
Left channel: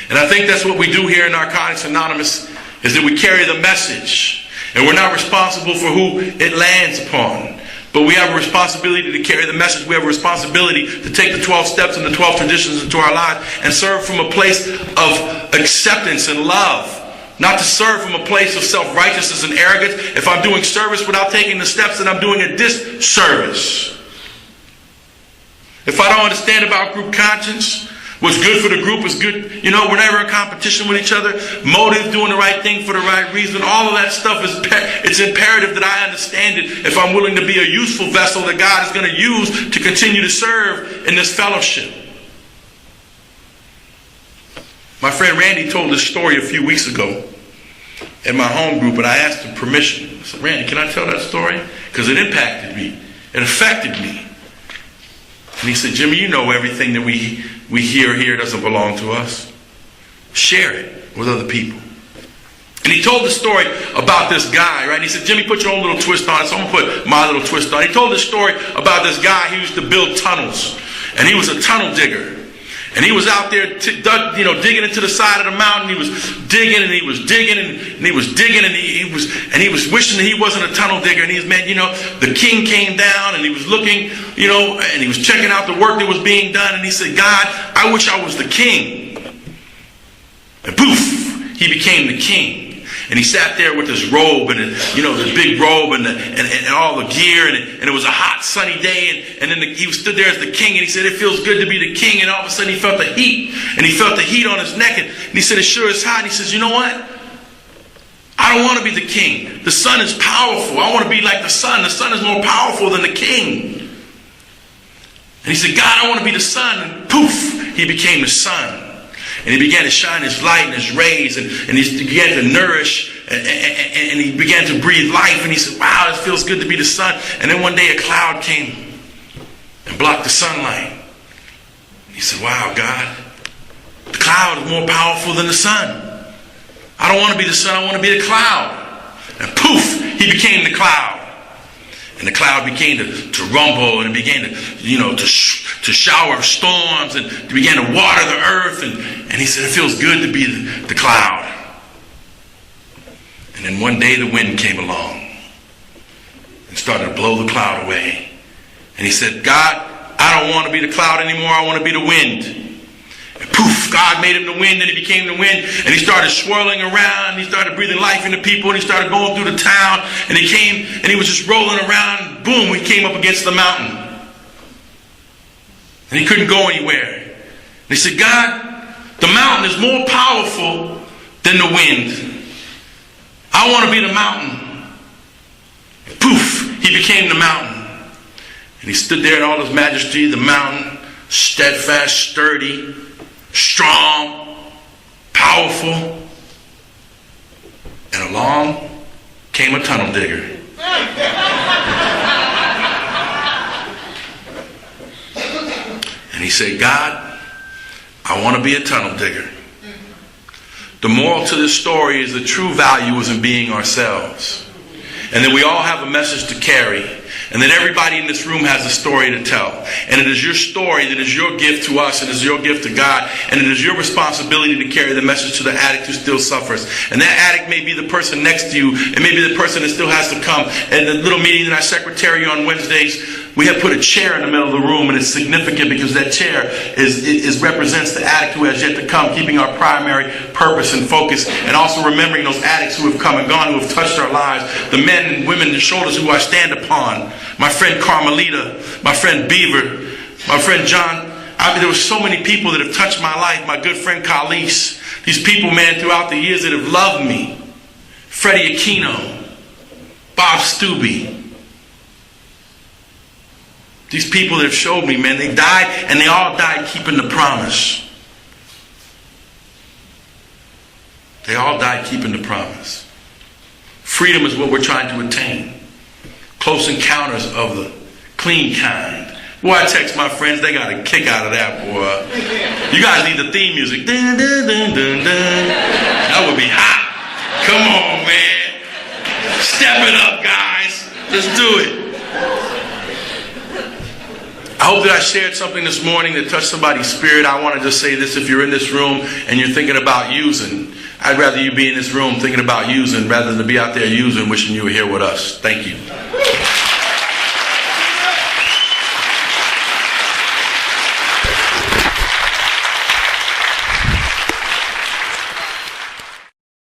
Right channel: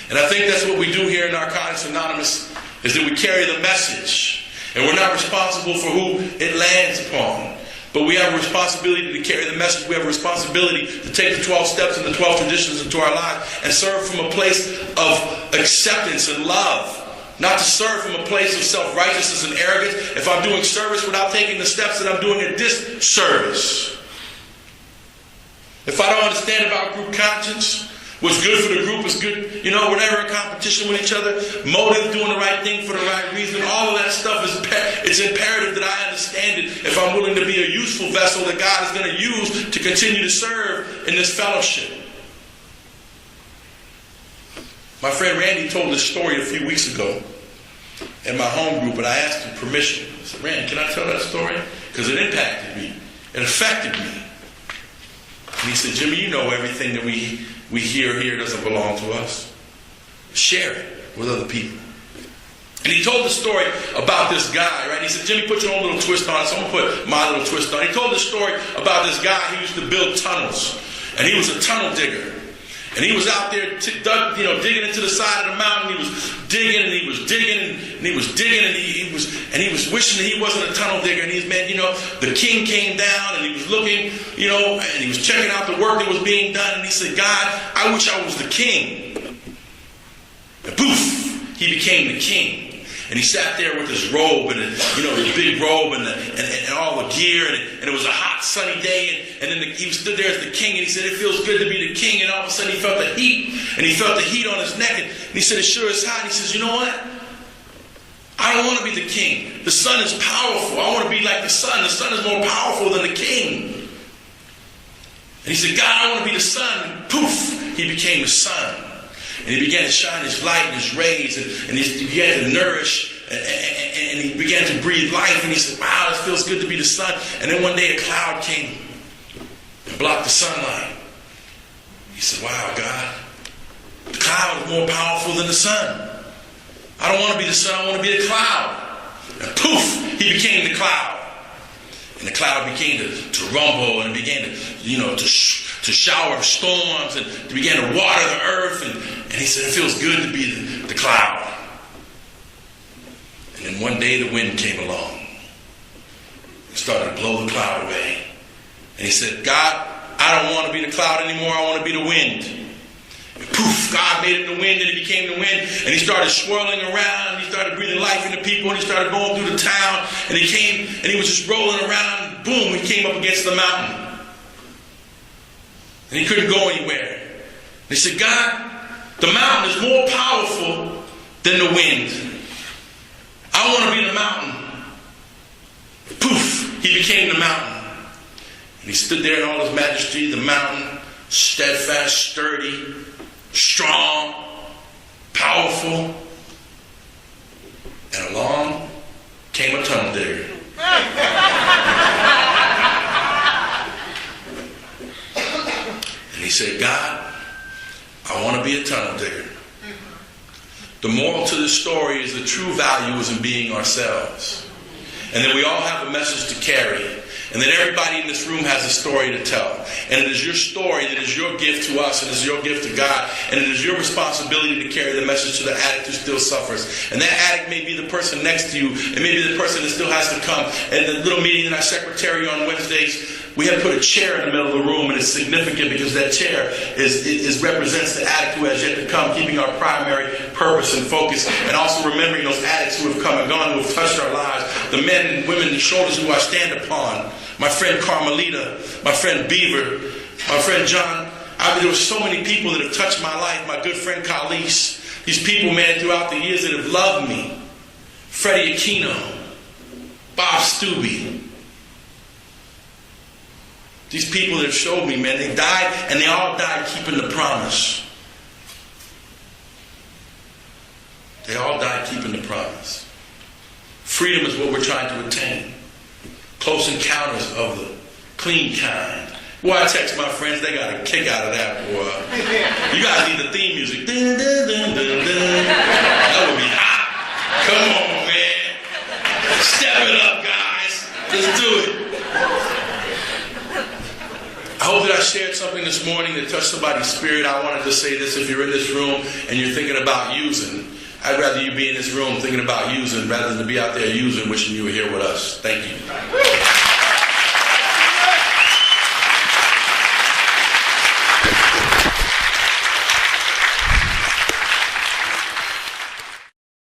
And I think that's what we do here in Narcotics Anonymous, is that we carry the message. And we're not responsible for who it lands upon. But we have a responsibility to carry the message. We have a responsibility to take the 12 steps and the 12 traditions into our lives and serve from a place of acceptance and love. Not to serve from a place of self-righteousness and arrogance. If I'm doing service without taking the steps, then I'm doing a disservice. If I don't understand about group conscience, what's good for the group is good. We're never in competition with each other. Motive, doing the right thing for the right reason. All of that stuff it's imperative that I understand it if I'm willing to be a useful vessel that God is going to use to continue to serve in this fellowship. My friend Randy told this story a few weeks ago in my home group, and I asked him permission. I said, Randy, can I tell that story? Because it impacted me. It affected me. And he said, Jimmy, everything that we hear here doesn't belong to us. Share it with other people. And he told the story about this guy, right? He said, Jimmy, put your own little twist on it, so I'm going to put my little twist on it. He told this story about this guy who used to build tunnels. And he was a tunnel digger. And he was out there, digging into the side of the mountain. He was digging and he was digging and he was digging and he was wishing that he wasn't a tunnel digger. And the king came down and he was looking, and he was checking out the work that was being done. And he said, God, I wish I was the king. And poof, he became the king. And he sat there with his robe and his big robe and all the gear, and it was a hot sunny day, and then he stood there as the king, and he said it feels good to be the king, and all of a sudden he felt the heat, and he felt the heat on his neck, and he said it sure is hot. And he says, you know what? I don't want to be the king. The sun is powerful. I want to be like the sun. The sun is more powerful than the king. And he said, God, I want to be the sun. And poof, he became the sun. And he began to shine his light and his rays, and he began to nourish, and he began to breathe life. And he said, wow, this feels good to be the sun. And then one day a cloud came and blocked the sunlight. He said, wow, God, the cloud is more powerful than the sun. I don't want to be the sun, I want to be the cloud. And poof, he became the cloud. And the cloud began to rumble, and it began to shower storms, and it began to water the earth. And he said, it feels good to be the cloud. And then one day the wind came along and started to blow the cloud away. And he said, God, I don't want to be the cloud anymore, I want to be the wind. And poof, God made him the wind, and he became the wind, and he started swirling around, and he started breathing life into people, and he started going through the town, and he came, and he was just rolling around, and boom, he came up against the mountain. And he couldn't go anywhere. And he said, God, the mountain is more powerful than the wind. I want to be the mountain. Poof, he became the mountain. And he stood there in all his majesty, the mountain, steadfast, sturdy, strong, powerful. And along came a tunnel digger. And he said, God, I want to be a tunnel digger. The moral to this story is the true value is in being ourselves. And then we all have a message to carry. And then everybody in this room has a story to tell. And it is your story that is your gift to us, and it is your gift to God. And it is your responsibility to carry the message to the addict who still suffers. And that addict may be the person next to you. It may be the person that still has to come. And the little meeting in our secretary on Wednesdays, we have put a chair in the middle of the room, and it's significant because that chair represents the addict who has yet to come, keeping our primary purpose and focus, and also remembering those addicts who have come and gone, who have touched our lives, the men and women, the shoulders who I stand upon. My friend Carmelita, my friend Beaver, my friend John. There were so many people that have touched my life. My good friend Khalees. These people, man, throughout the years that have loved me. Freddie Aquino, Bob Stubbe. These people that have showed me, man, they died, and they all died keeping the promise. They all died keeping the promise. Freedom is what we're trying to attain. Close encounters of the clean kind. Boy, I text my friends, they got a kick out of that, boy. You guys need the theme music. Dun, dun, dun, dun, dun. That would be hot. Come on, man. Step it up, guys. Let's do it. I hope that I shared something this morning that touched somebody's spirit. I want to just say this: if you're in this room and you're thinking about using, I'd rather you be in this room thinking about using rather than to be out there using, wishing you were here with us. Thank you.